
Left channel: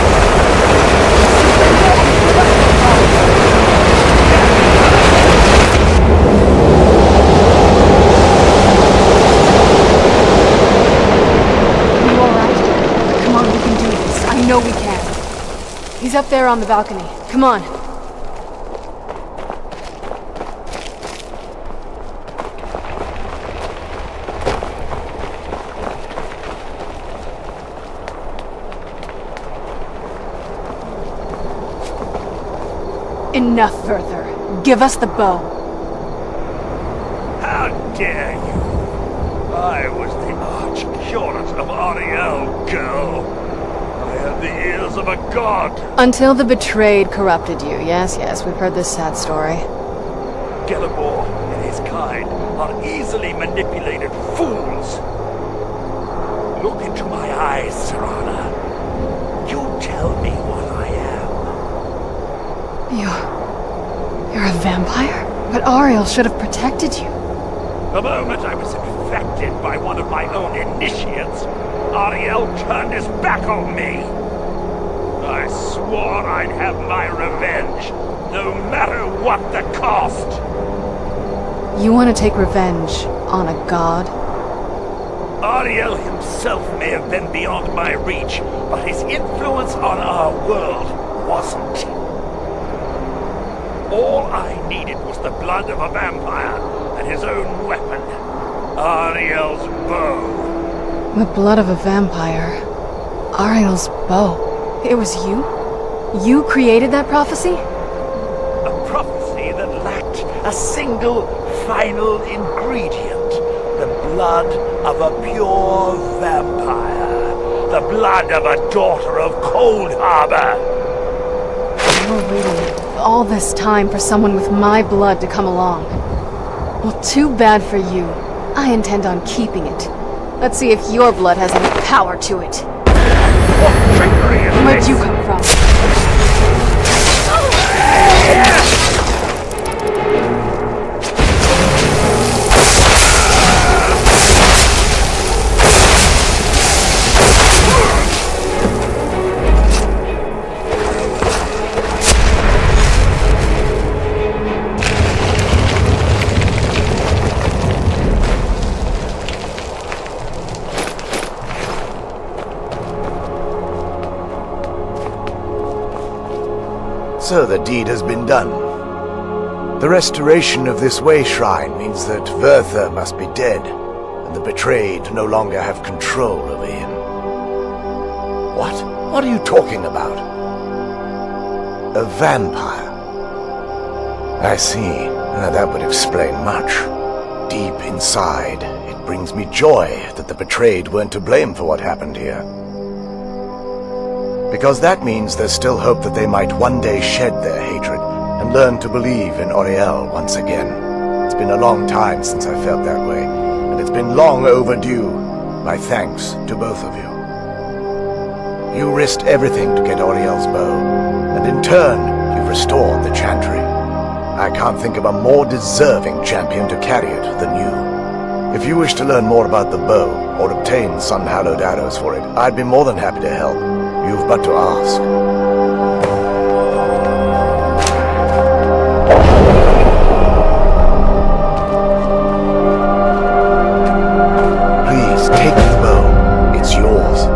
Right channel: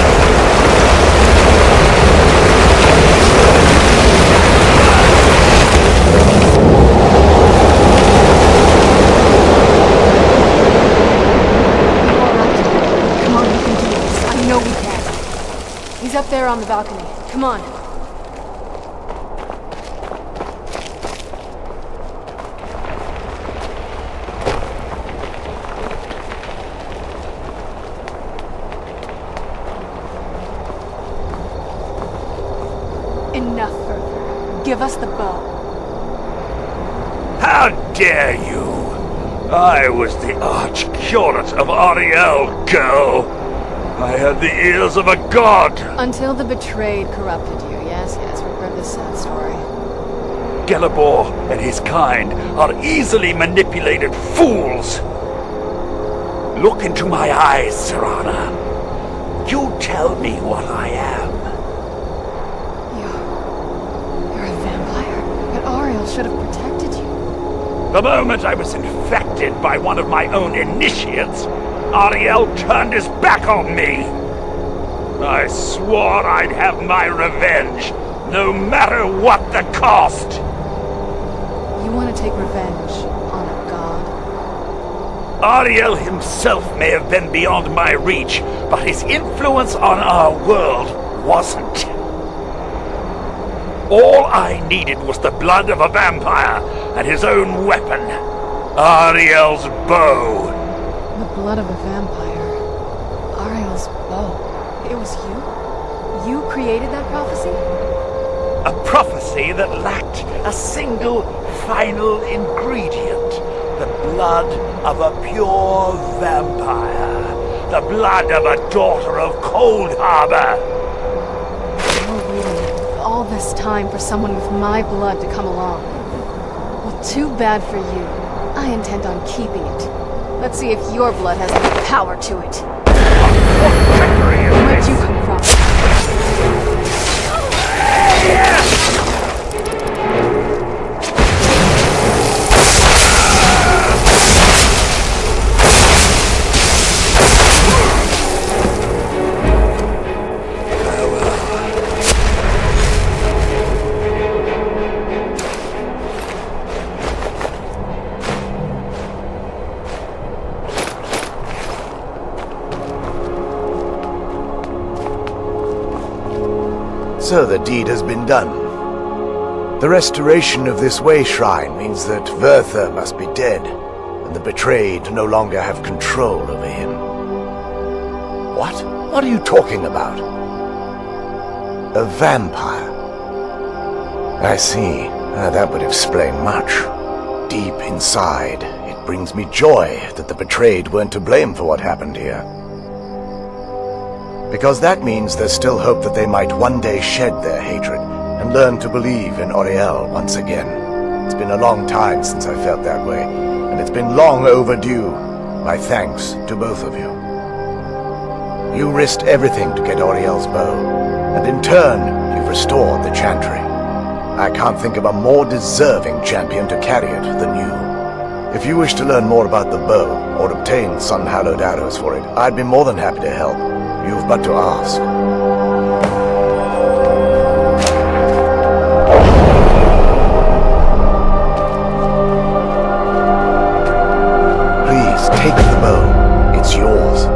I know we can. He's up there on the balcony. Come on. Enough, Werther. Give us the bow. How dare you! I was the arch-curate of Ariel, girl. I had the ears of a god. Until the betrayed corrupted you. Yes, we've heard this sad story. Gelibor and his kind are easily manipulated fools. Look into my eyes, Serana. You tell me what I am. You're a vampire? But Ariel should have protected you. The moment I was infected by one of my own initiates, Ariel turned his back on me. I swore I'd have my revenge, no matter what the cost. You want to take revenge on a god? Ariel himself may have been beyond my reach, but his influence on our world wasn't. All I needed was the blood of a vampire and his own weapon, Ariel's bow. The blood of a vampire. Ariel's bow. It was you? You created that prophecy? A prophecy that lacked a single final ingredient. The blood of a pure vampire. The blood of a daughter of Cold Harbor. You were waiting all this time for someone with my blood to come along. Well, too bad for you. I intend on keeping it. Let's see if your blood has any power to it. What trickery is Where'd this? you come from? So the deed has been done. The restoration of this way shrine means that Werther must be dead, and the betrayed no longer have control over him. What? What are you talking about? A vampire. I see. That would explain much. Deep inside, it brings me joy that the betrayed weren't to blame for what happened here. Because that means there's still hope that they might one day shed their hatred and learn to believe in Auriel once again. It's been a long time since I felt that way, and it's been long overdue. My thanks to both of you. You risked everything to get Auriel's bow, and in turn, you've restored the Chantry. I can't think of a more deserving champion to carry it than you. If you wish to learn more about the bow, or obtain sun-hallowed arrows for it, I'd be more than happy to help. You've but to ask. Please, take the bow. It's yours.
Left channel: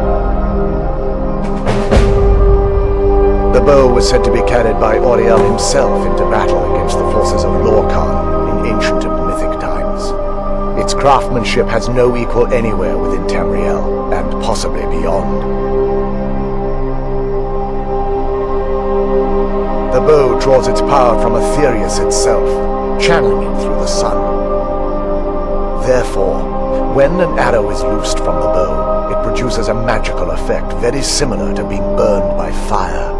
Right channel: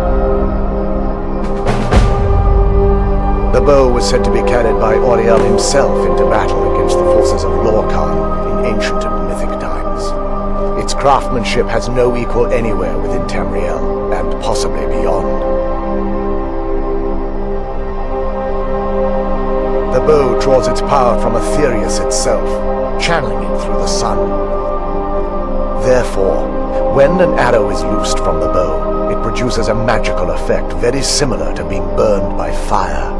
The bow was said to be carried by Auriel himself into battle against the forces of Lorcan in ancient and mythic times. Its craftsmanship has no equal anywhere within Tamriel, and possibly beyond. The bow draws its power from Aetherius itself, channeling it through the sun. Therefore, when an arrow is loosed from the bow, it produces a magical effect very similar to being burned by fire.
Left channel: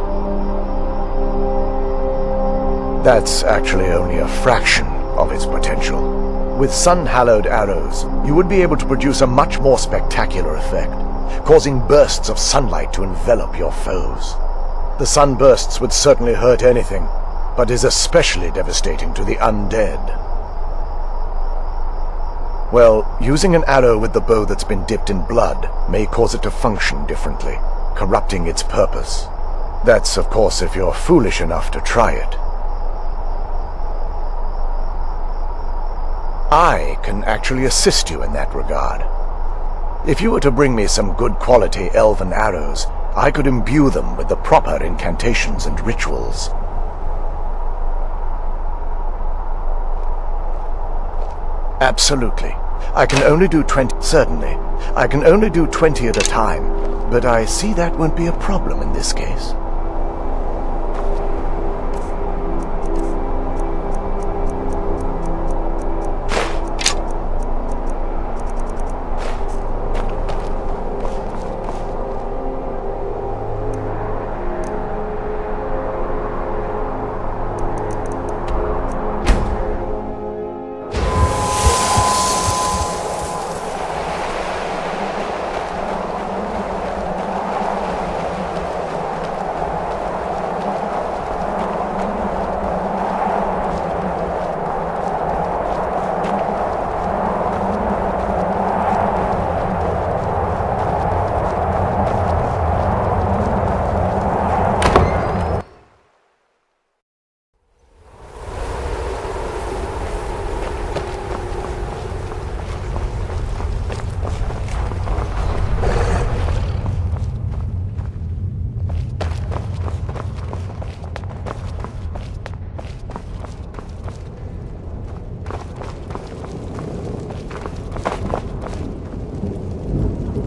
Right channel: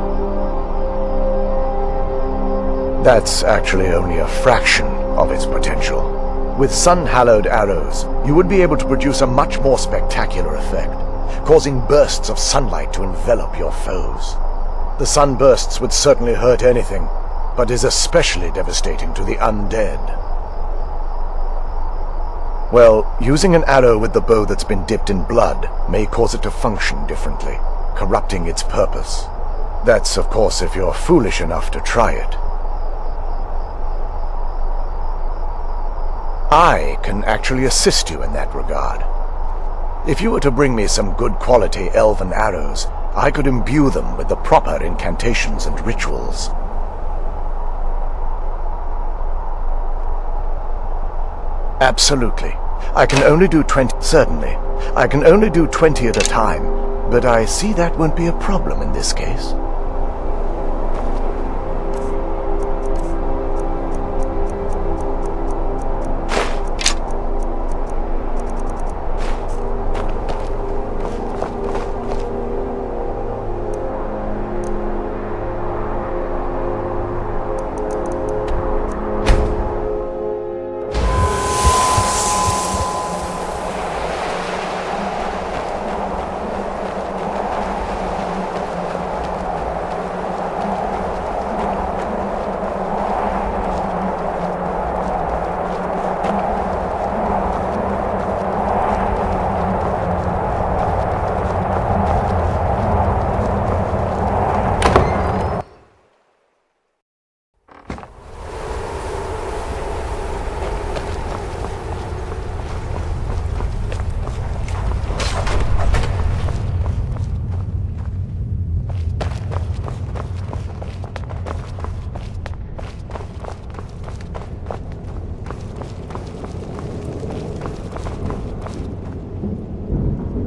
That's actually only a fraction of its potential. With sun-hallowed arrows, you would be able to produce a much more spectacular effect, causing bursts of sunlight to envelop your foes. The sunbursts would certainly hurt anything, but is especially devastating to the undead. Well, using an arrow with the bow that's been dipped in blood may cause it to function differently, corrupting its purpose. That's, of course, if you're foolish enough to try it. I can actually assist you in that regard. If you were to bring me some good quality elven arrows, I could imbue them with the proper incantations and rituals. Absolutely. I can only do 20... Certainly. I can only do 20 at a time, but I see that won't be a problem in this case.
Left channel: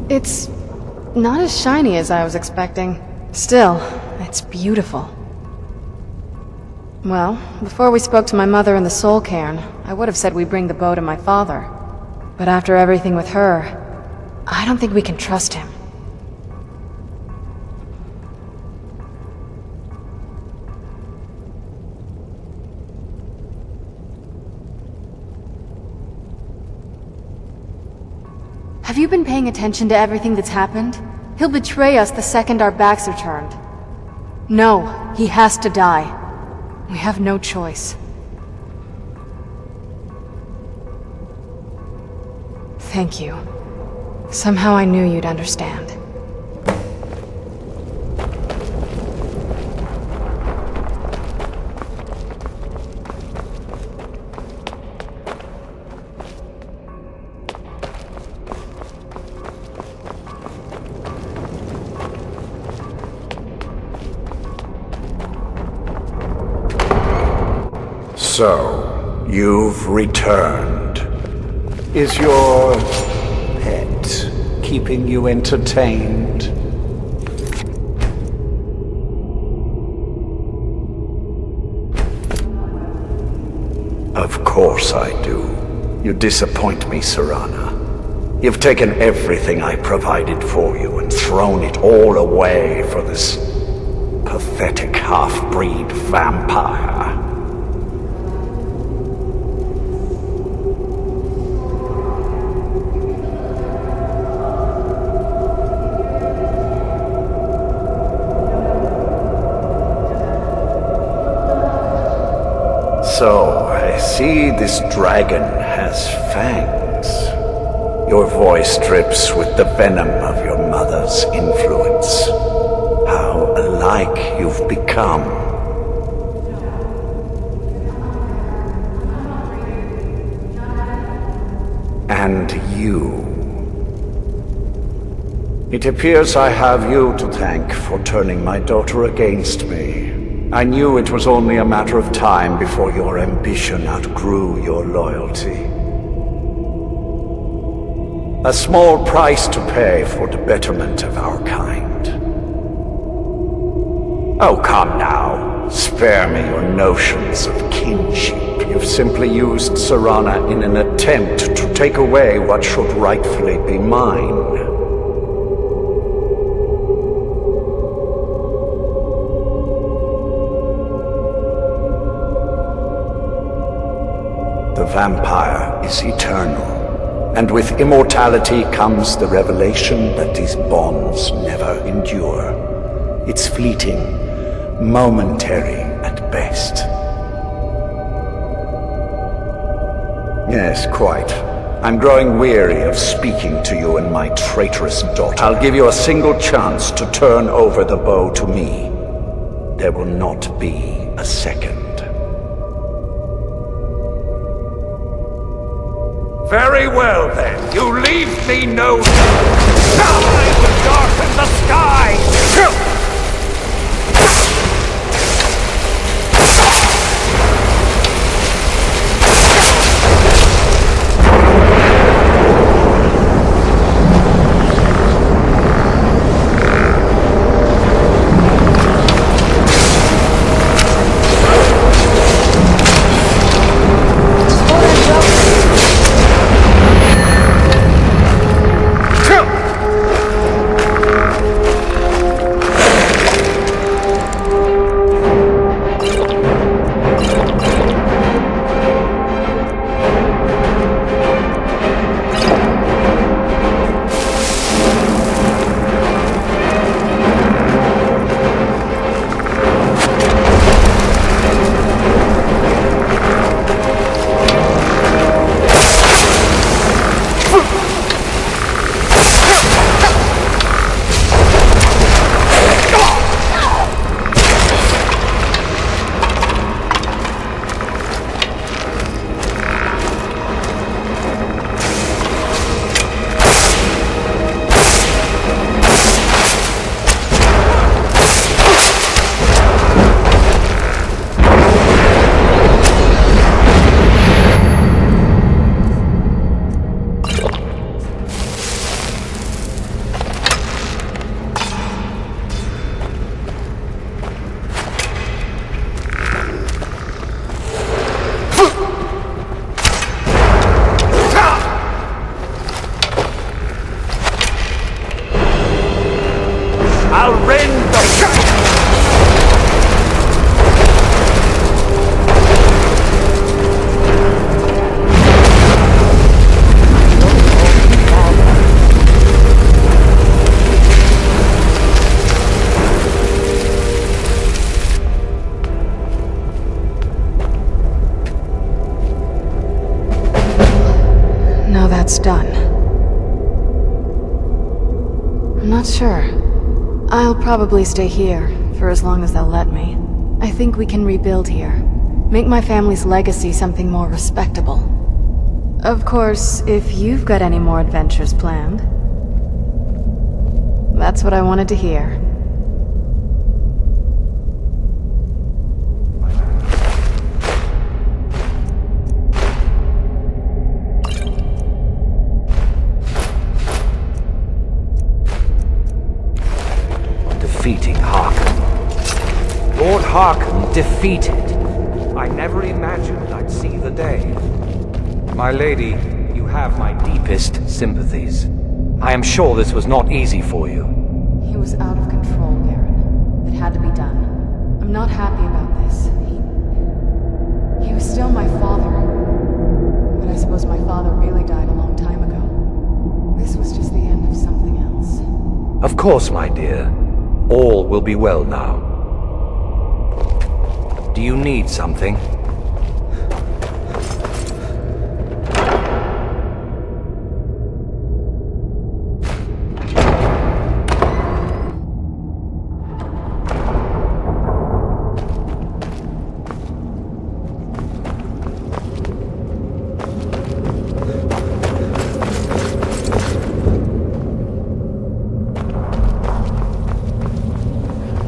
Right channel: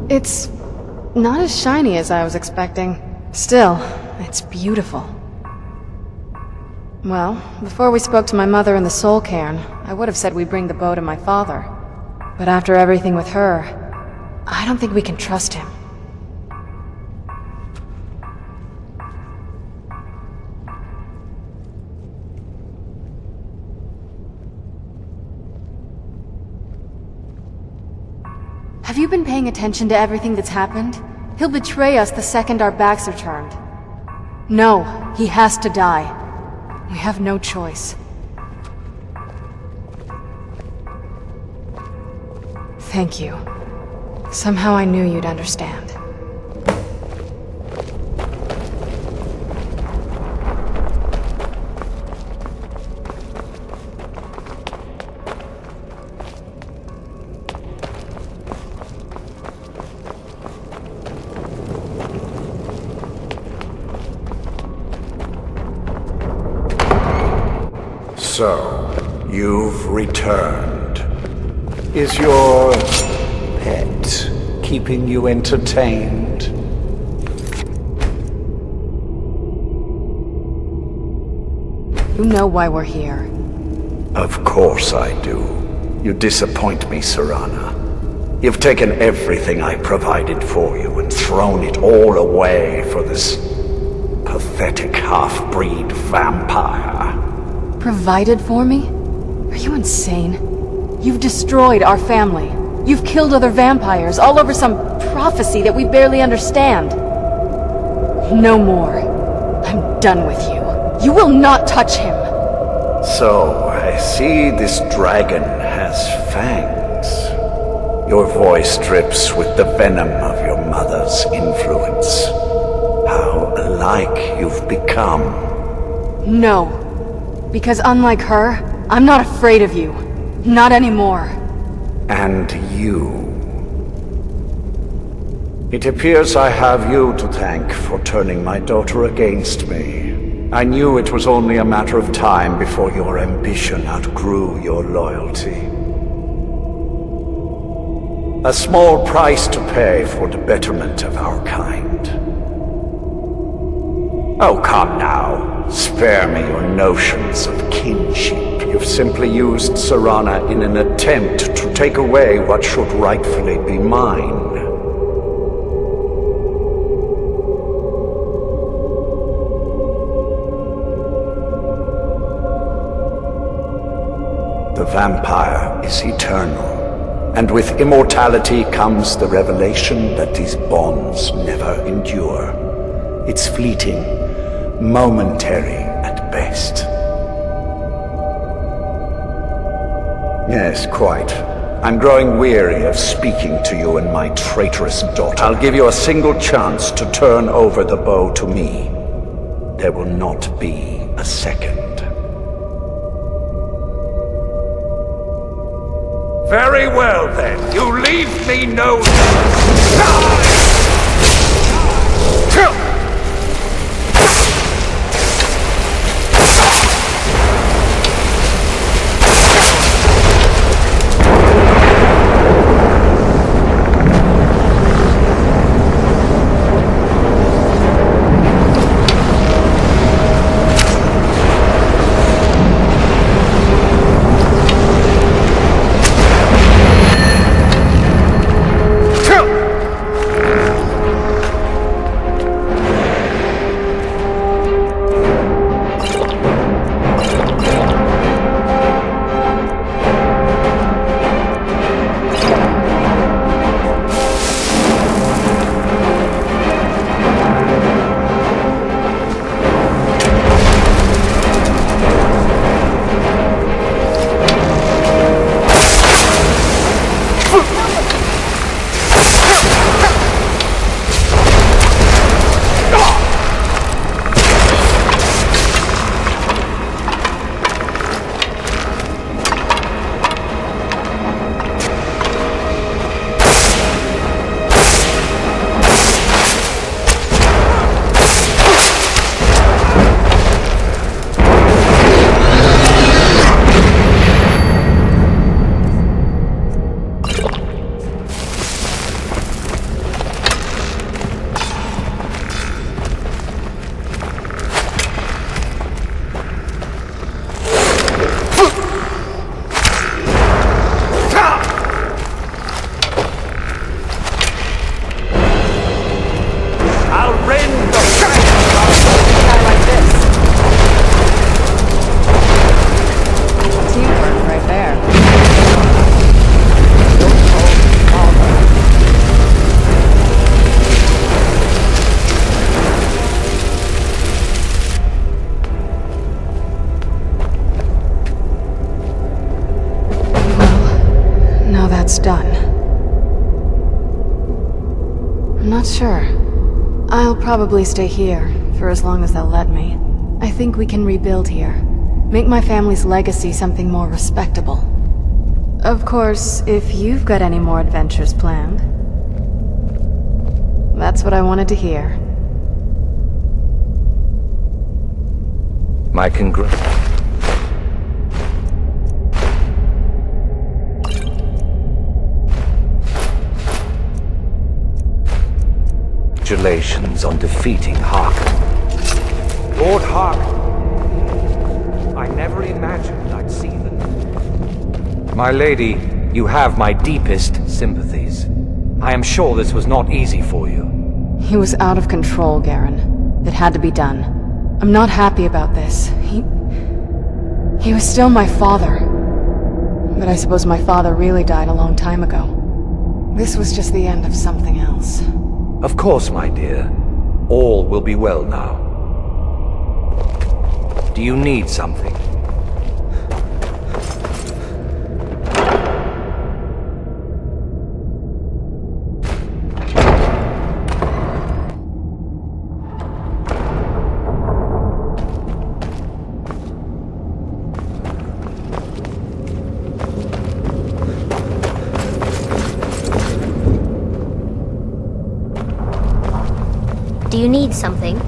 It's not as shiny as I was expecting. Still, it's beautiful. Well, before we spoke to my mother in the Soul Cairn, I would have said we bring the bow to my father. But after everything with her, I don't think we can trust him. Have you been paying attention to everything that's happened? He'll betray us the second our backs are turned. No, he has to die. We have no choice. Thank you. Somehow I knew you'd understand. So, you've returned. Is your pet keeping you entertained? You know why we're here. Of course I do. You disappoint me, Serana. You've taken everything I provided for you and thrown it all away for this pathetic half-breed vampire. Provided for me? Are you insane? You've destroyed our family. You've killed other vampires, all over some prophecy that we barely understand. No more. I'm done with you. You will not touch him. So, I see this dragon has fangs. Your voice drips with the venom of your mother's influence. How alike you've become. No. Because unlike her, I'm not afraid of you. Not anymore. And you. It appears I have you to thank for turning my daughter against me. I knew it was only a matter of time before your ambition outgrew your loyalty. A small price to pay for the betterment of our kind. Oh, come now. Spare me your notions of kinship. You've simply used Serana in an attempt to take away what should rightfully be mine. The vampire is eternal, and with immortality comes the revelation that these bonds never endure. It's fleeting, momentary at best. Yes, quite. I'm growing weary of speaking to you and my traitorous daughter. I'll give you a single chance to turn over the bow to me. There will not be a second. Very well, then. You leave me no... Die, the dark of the sky! I'll rend the Teamwork right there. Your own father. Now that's done. I'm not sure. I'll probably stay here, for as long as they'll let me. I think we can rebuild here. Make my family's legacy something more respectable. Of course, if you've got any more adventures planned. That's what I wanted to hear. My congratulations on defeating Harkon. Lord Harkon defeated. I never imagined I'd see the day. My lady, you have my deepest sympathies. I am sure this was not easy for you. He was out of control, Garen. It had to be done. I'm not happy about this. He was still my father. But I suppose my father really died a long time ago. This was just the end of something else. Of course, my dear. All will be well now. Do you need something? Do you need something?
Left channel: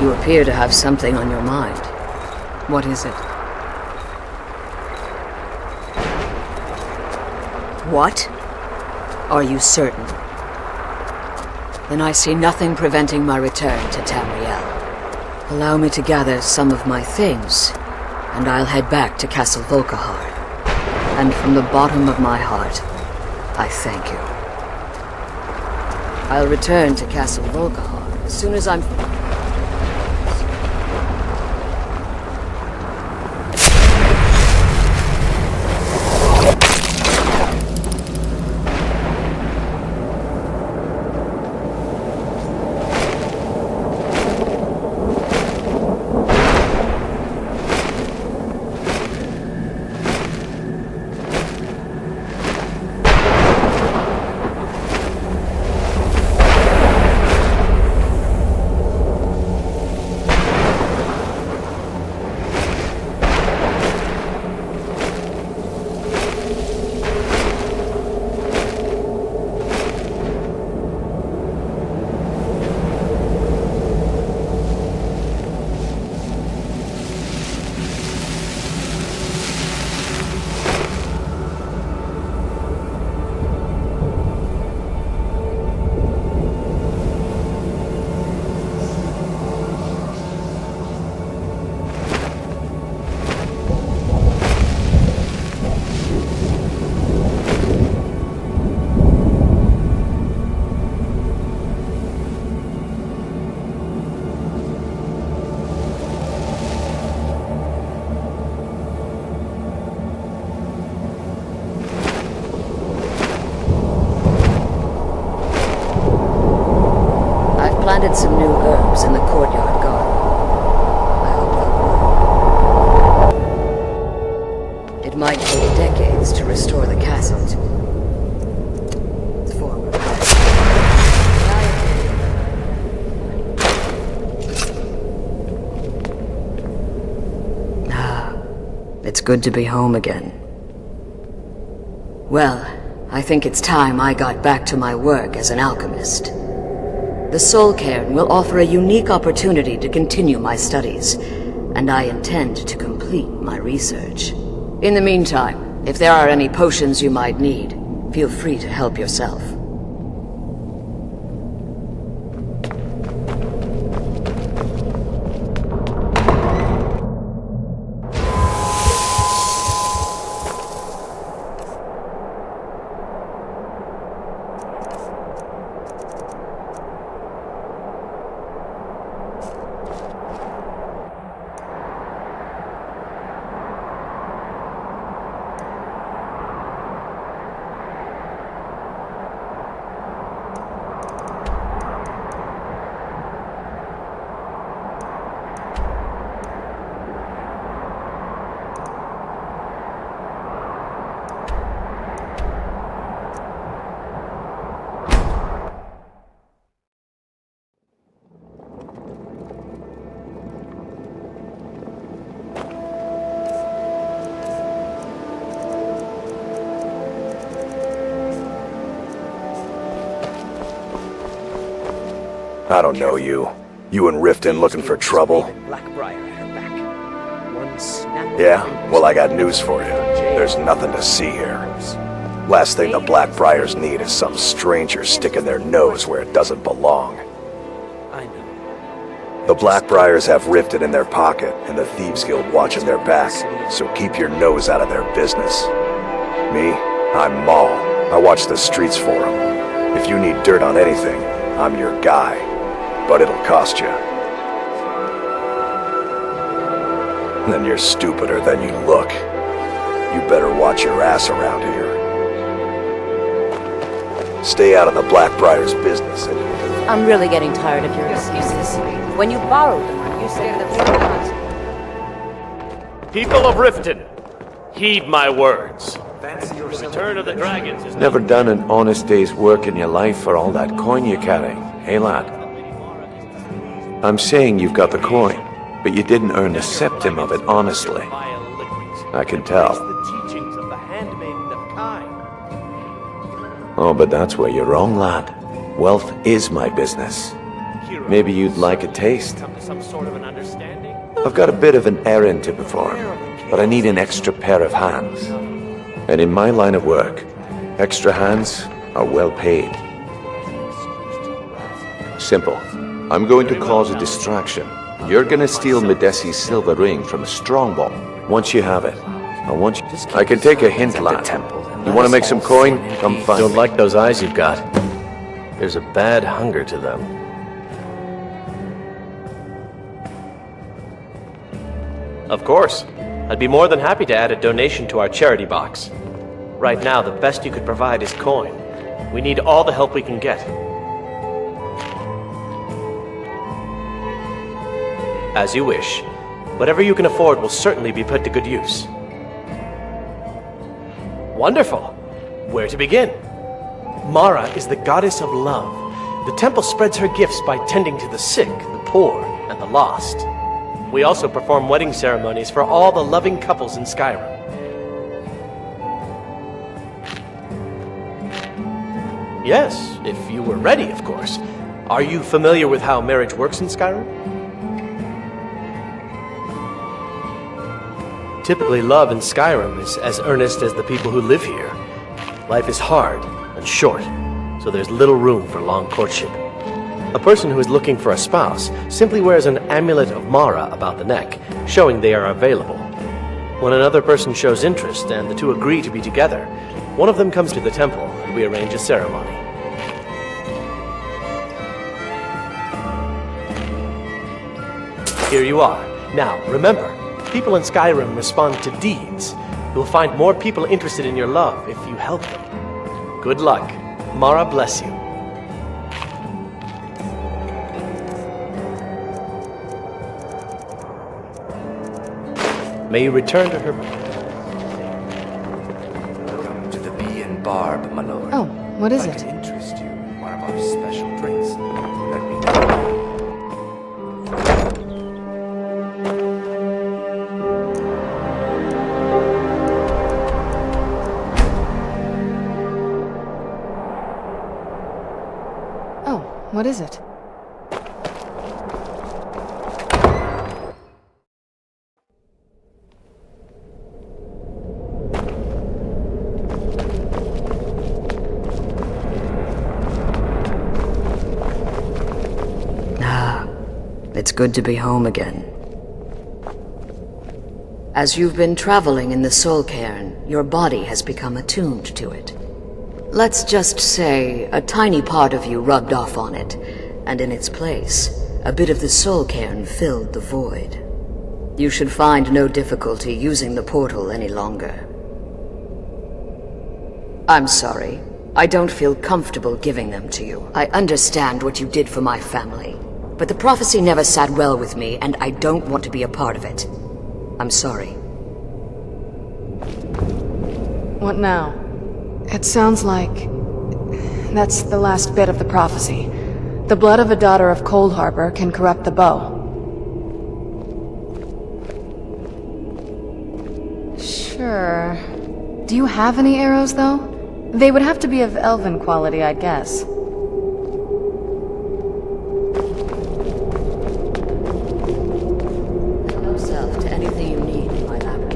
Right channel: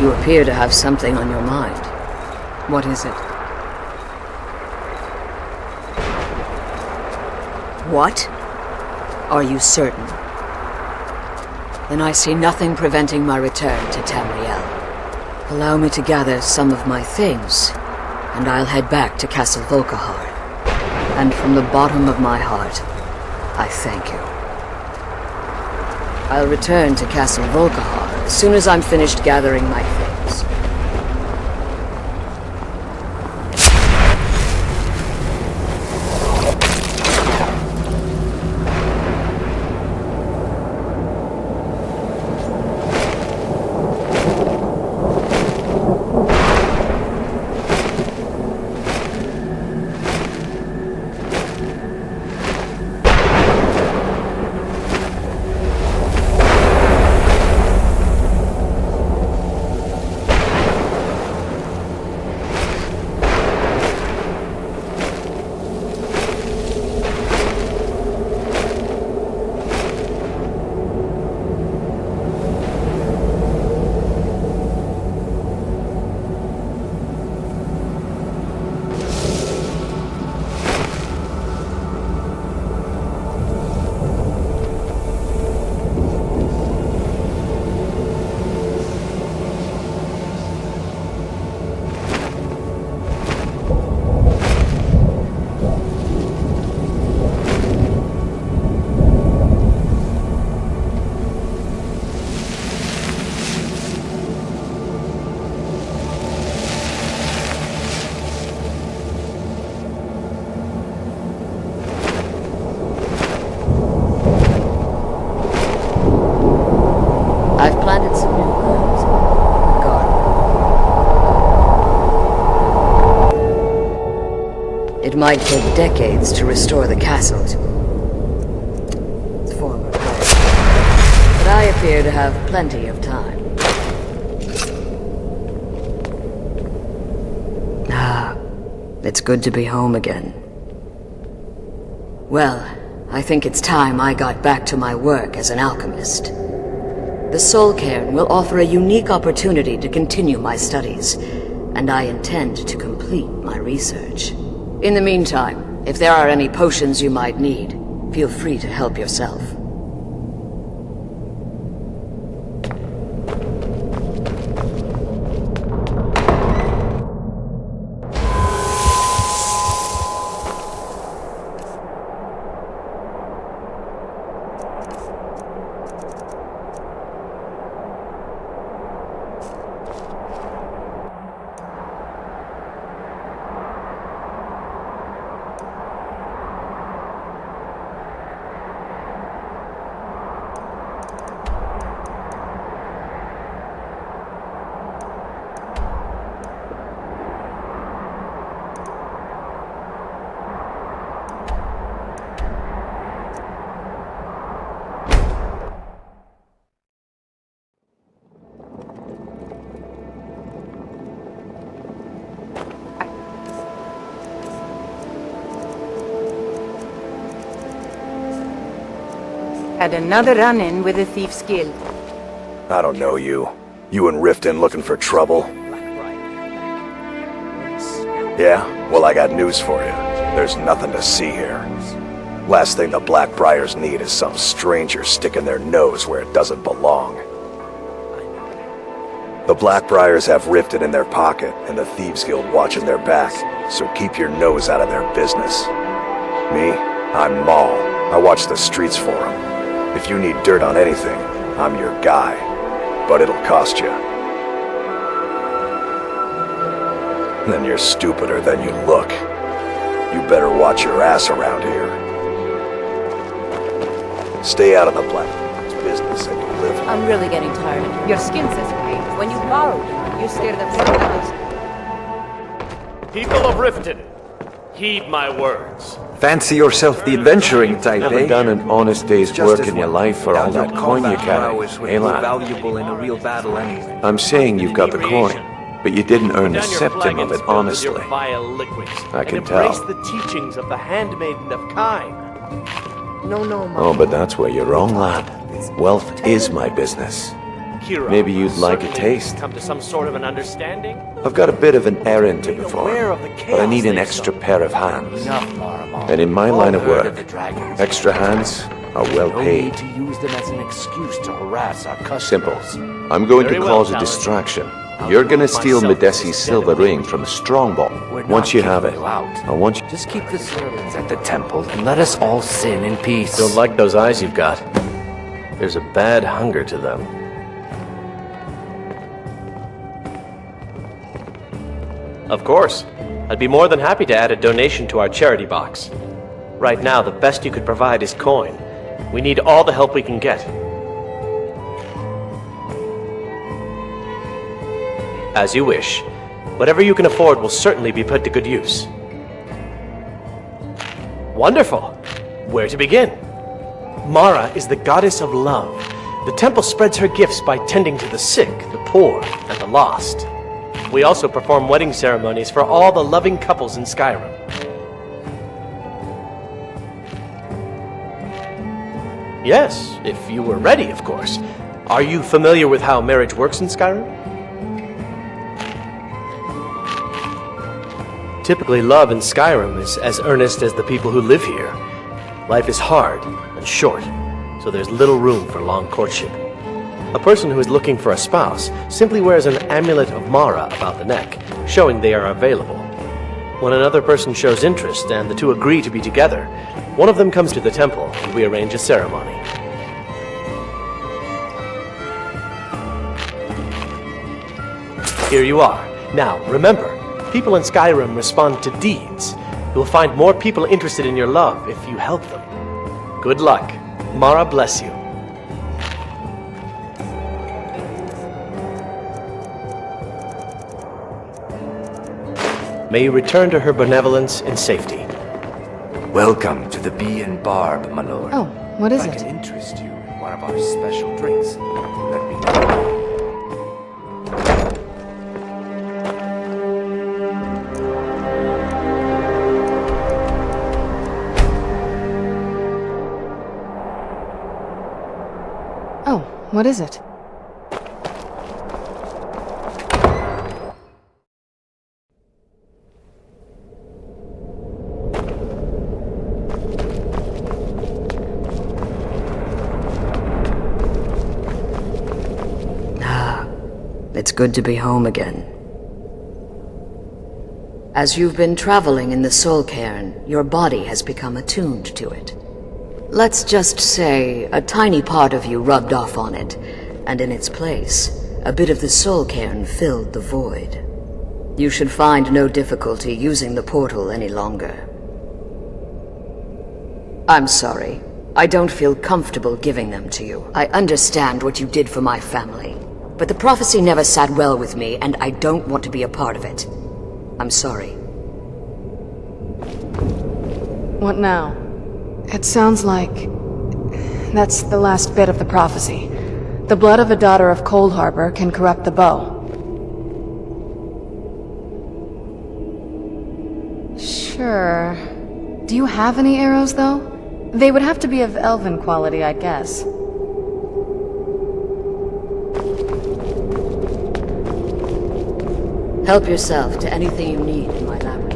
You appear to have something on your mind. What is it? What? Are you certain? Then I see nothing preventing my return to Tamriel. Allow me to gather some of my things, and I'll head back to Castle Volkihar. And from the bottom of my heart, I thank you. I'll return to Castle Volkihar as soon as I'm finished gathering my things. planted some new herbs in the courtyard garden. It might take decades to restore the castle to its former place, but I appear to have plenty of time. It's good to be home again. Well, I think it's time I got back to my work as an alchemist. The Soul Cairn will offer a unique opportunity to continue my studies, and I intend to complete my research. In the meantime, if there are any potions you might need, feel free to help yourself. Had another run-in with the Thief's Guild. I don't know you. You and Riften looking for trouble? Yeah? Well, I got news for you. There's nothing to see here. Last thing the Blackbriars need is some stranger sticking their nose where it doesn't belong. The Blackbriars have Riften in their pocket, and the Thieves Guild watching their back, so keep your nose out of their business. Me? I'm Maul. I watch the streets for them. If you need dirt on anything, I'm your guy. But it'll cost you. Then you're stupider than you look. You better watch your ass around here. Stay out of the Blackbriars' business and you'll live. I'm really getting tired of Your skin's the same. When you borrowed one, you scared the People of Riften, heed my words. Fancy yourself the adventuring type. Never done an honest day's work in your life for all that coin you carry, hey lad? I'm saying you've got the coin, but you didn't earn a septim of it honestly. I can tell. The teachings of the handmaiden of Kine. Oh, but that's where you're wrong, lad. Wealth is my business. Maybe you'd like a taste. Come to some sort of an understanding? I've got a bit of an errand to perform, but I need an extra pair of hands. And in my line of work, extra hands are well paid. Simple. I'm going to cause a distraction. You're gonna steal Medesi's silver ring from a strongbow. Once you have it, I want you... I can take a hint at the temple and let us make some coin in peace. Don't like those eyes you've got. There's a bad hunger to them. Of course. I'd be more than happy to add a donation to our charity box. Right now, the best you could provide is coin. We need all the help we can get. As you wish. Whatever you can afford will certainly be put to good use. Wonderful! Where to begin? Mara is the goddess of love. The temple spreads her gifts by tending to the sick, the poor, and the lost. We also perform wedding ceremonies for all the loving couples in Skyrim. Yes, if you were ready, of course. Are you familiar with how marriage works in Skyrim? Typically, love in Skyrim is as earnest as the people who live here. Life is hard and short, so there's little room for long courtship. A person who is looking for a spouse simply wears an amulet of Mara about the neck, showing they are available. When another person shows interest and the two agree to be together, one of them comes to the temple and we arrange a ceremony. Here you are. Now, remember, people in Skyrim respond to deeds. You'll find more people interested in your love if you help them. Good luck. Mara bless you. May you return to her benevolence in safety. Welcome to the Bee and Barb, my lord. Oh, what is I it? can interest you in one of our special drinks. Let me Oh, what is it? It's good to be home again. As you've been traveling in the Soul Cairn, your body has become attuned to it. Let's just say a tiny part of you rubbed off on it, and in its place, a bit of the Soul Cairn filled the void. You should find no difficulty using the portal any longer. I'm sorry. I don't feel comfortable giving them to you. I understand what you did for my family. But the prophecy never sat well with me, and I don't want to be a part of it. I'm sorry. What now? It sounds like... that's the last bit of the prophecy. The blood of a daughter of Cold Harbor can corrupt the bow. Sure. Do you have any arrows, though? They would have to be of elven quality, I'd guess. Help yourself to anything you need in my laboratory.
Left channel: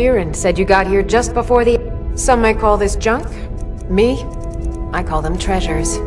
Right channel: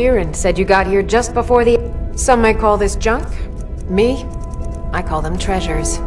Biren said you got here just before the... Some might call this junk. Me? I call them treasures.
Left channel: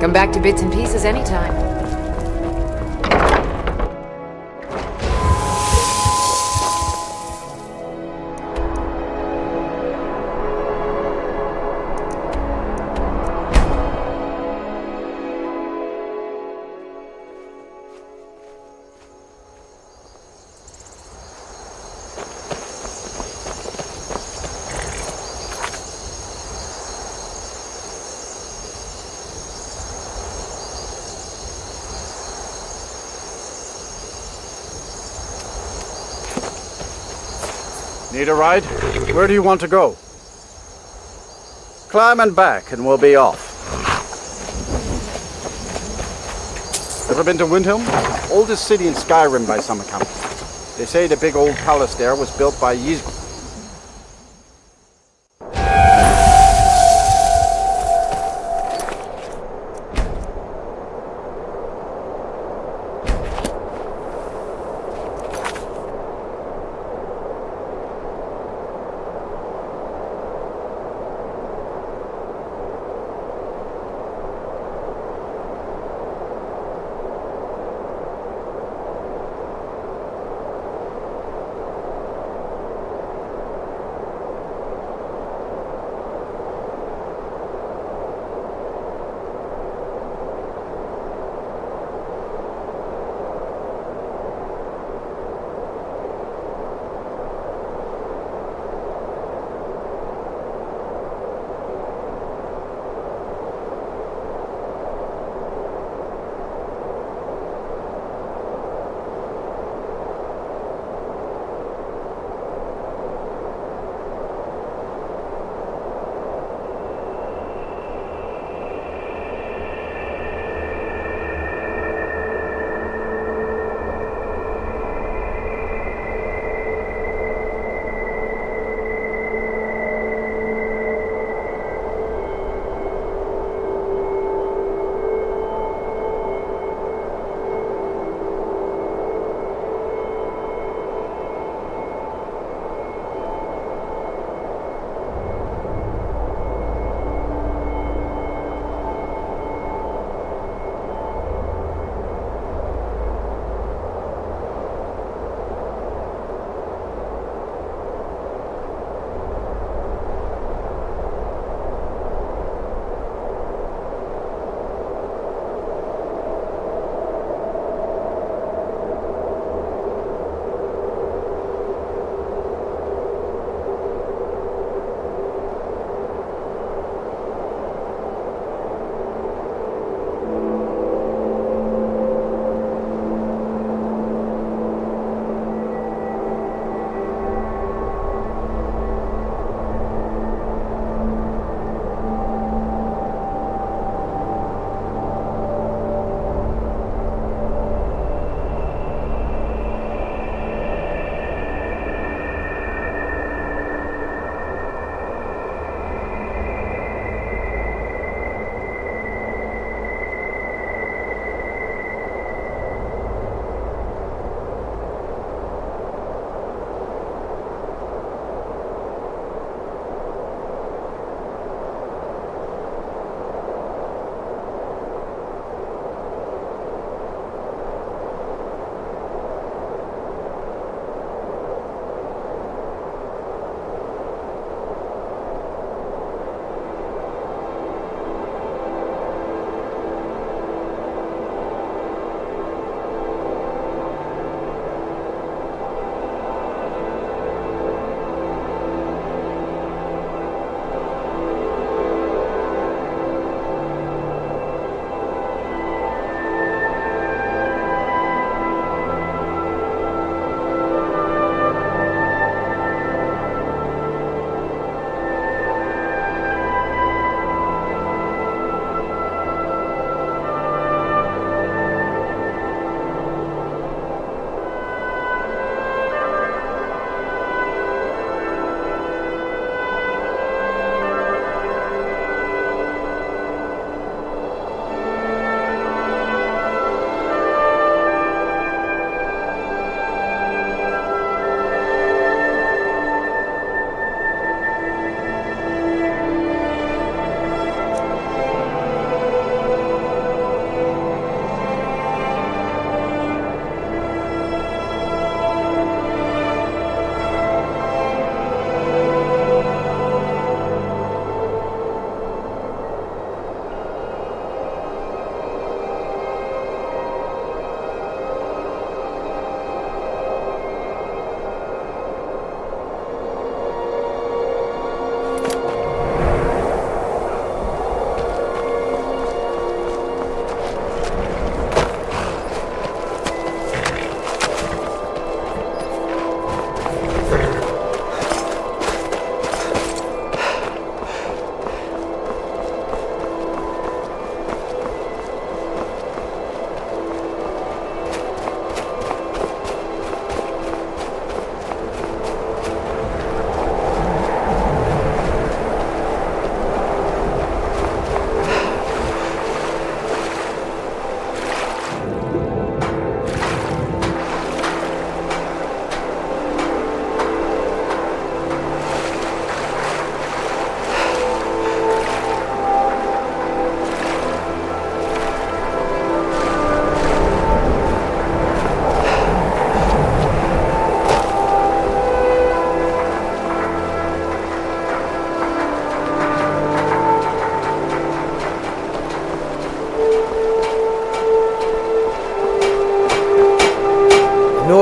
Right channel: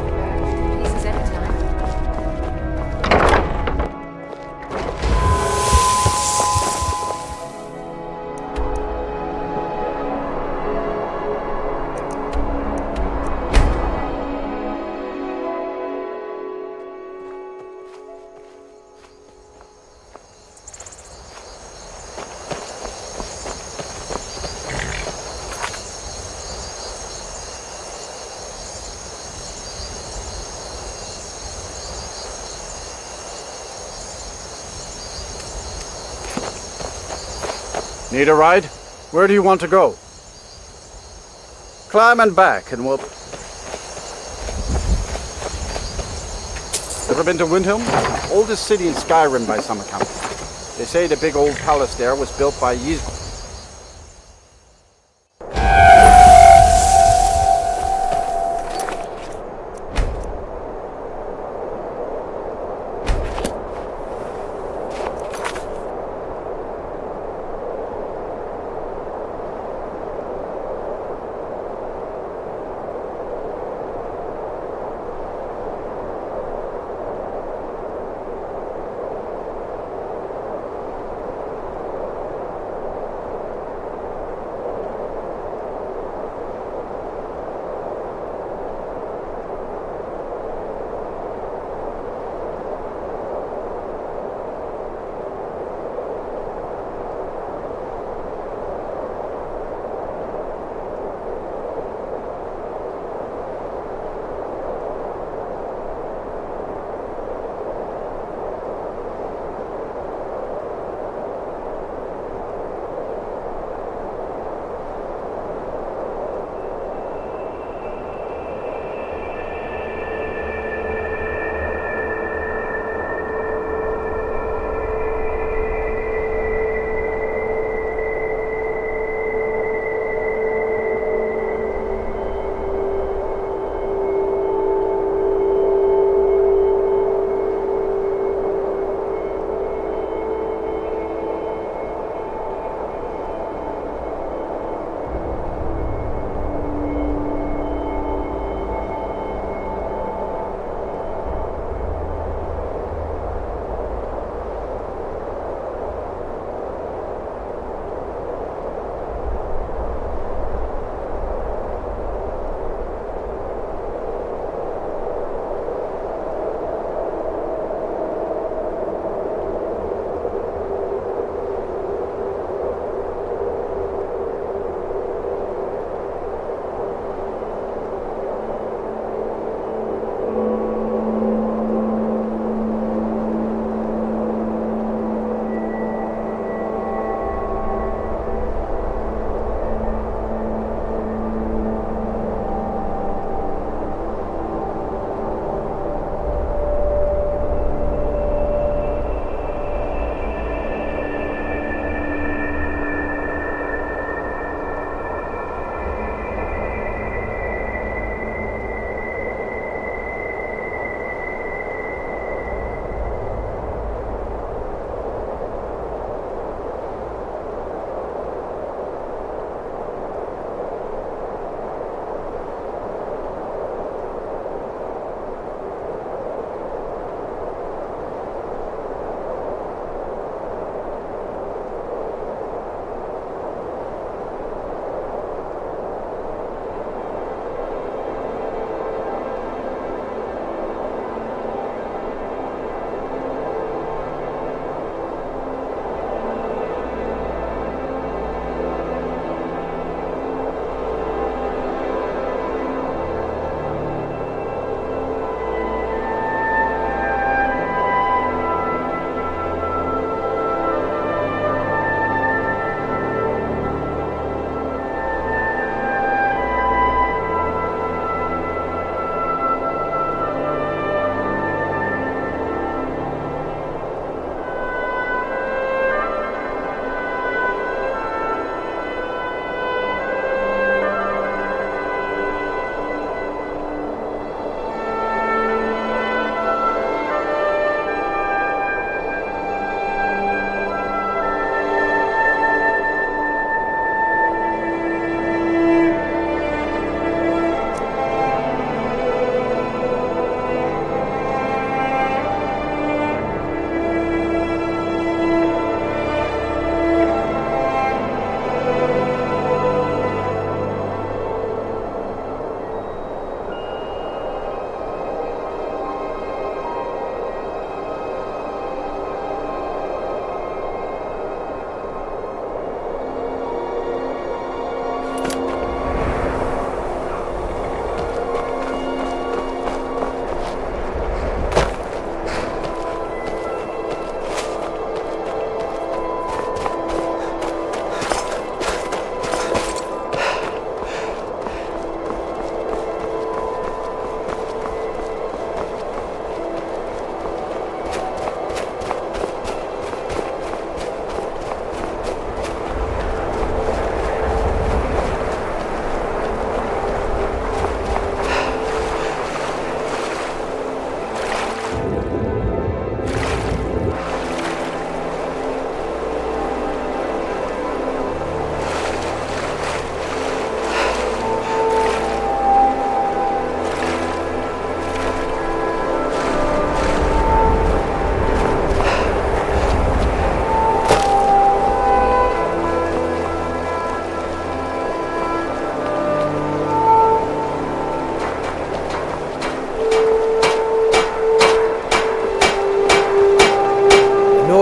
Come back to bits and pieces anytime. Need a ride? Where do you want to go? Climb and back and we'll be off. Ever been to Windhelm? Oldest city in Skyrim by some account. They say the big old palace there was built by Ys...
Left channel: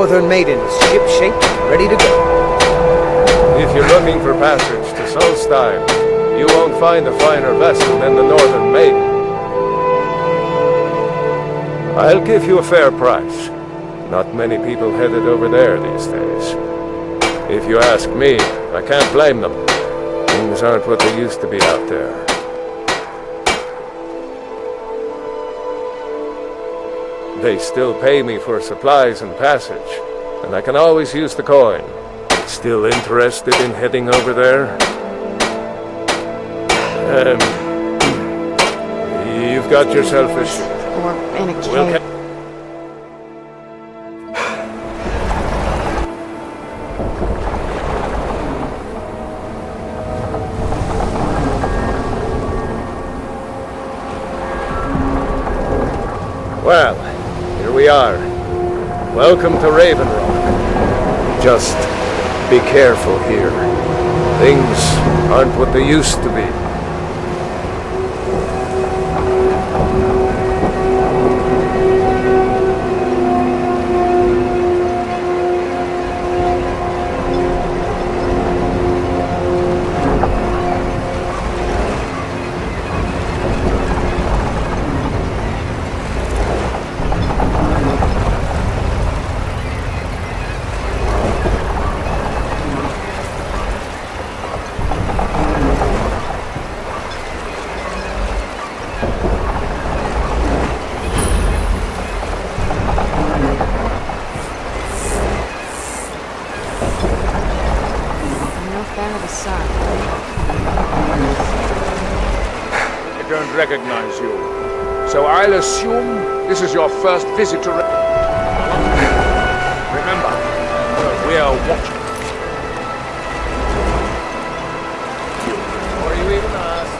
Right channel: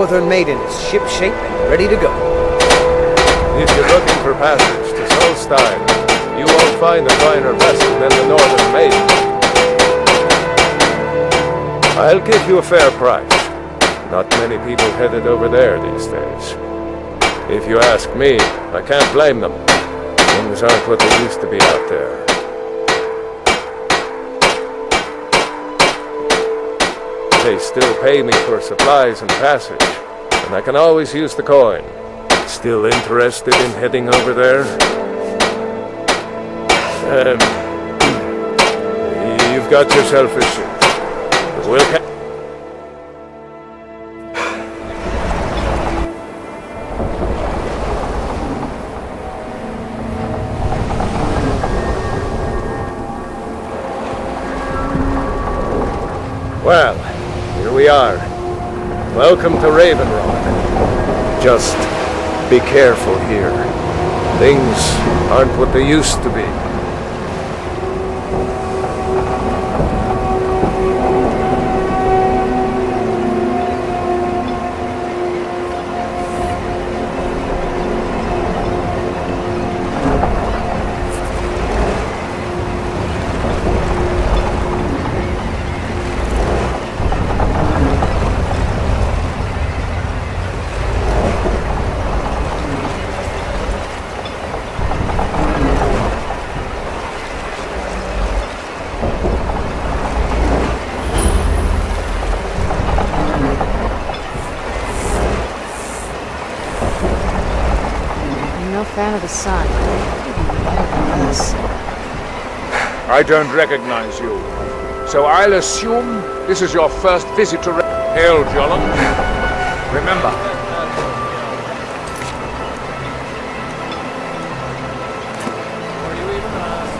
Northern Maiden is ship-shape and ready to go. If you're looking for passage to Solstein, you won't find a finer vessel than the Northern Maiden. I'll give you a fair price. Not many people headed over there these days. If you ask me, I can't blame them. Things aren't what they used to be out there. They still pay me for supplies and passage, and I can always use the coin. Still interested in heading over there? You've got yourself a ship. We'll Well, here we are. Welcome to Raven Rock. Just be careful here. Things aren't what they used to be. Fan of the sun. I don't recognize you. So I'll assume this is your first visit to Hail, Jolland. Remember, we're watching. Before you even ask.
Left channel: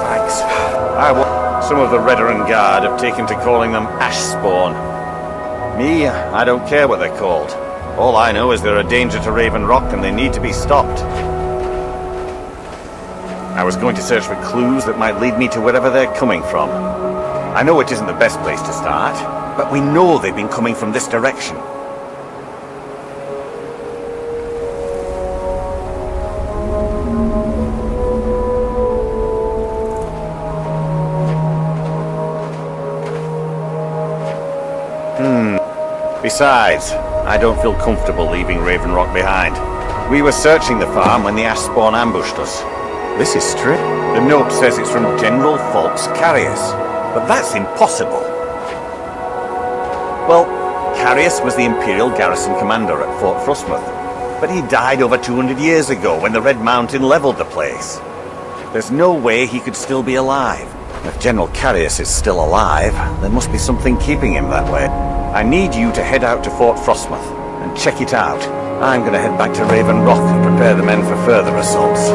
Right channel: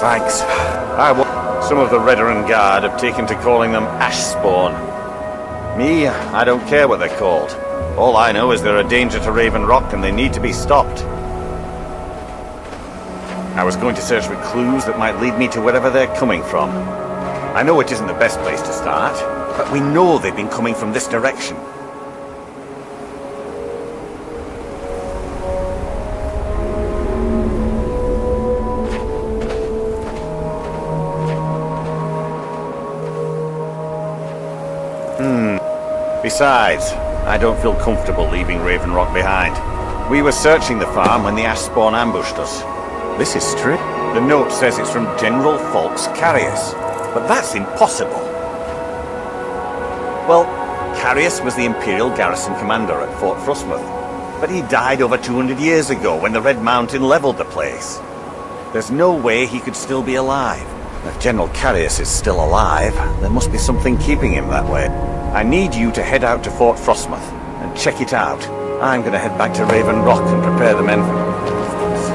Thanks. Some of the Redderin Guard have taken to calling them Ashspawn. Me, I don't care what they're called. All I know is they're a danger to Raven Rock and they need to be stopped. I was going to search for clues that might lead me to wherever they're coming from. I know it isn't the best place to start, but we know they've been coming from this direction. Besides, I don't feel comfortable leaving Raven Rock behind. We were searching the farm when the Ashspawn ambushed us. This is strange. The note says it's from General Falks Carius, but that's impossible. Well, Carius was the Imperial garrison commander at Fort Frostmoth, but he died over 200 years ago when the Red Mountain leveled the place. There's no way he could still be alive. If General Carius is still alive, there must be something keeping him that way. I need you to head out to Fort Frostmoth and check it out. I'm gonna head back to Raven Rock and prepare the men for further assaults.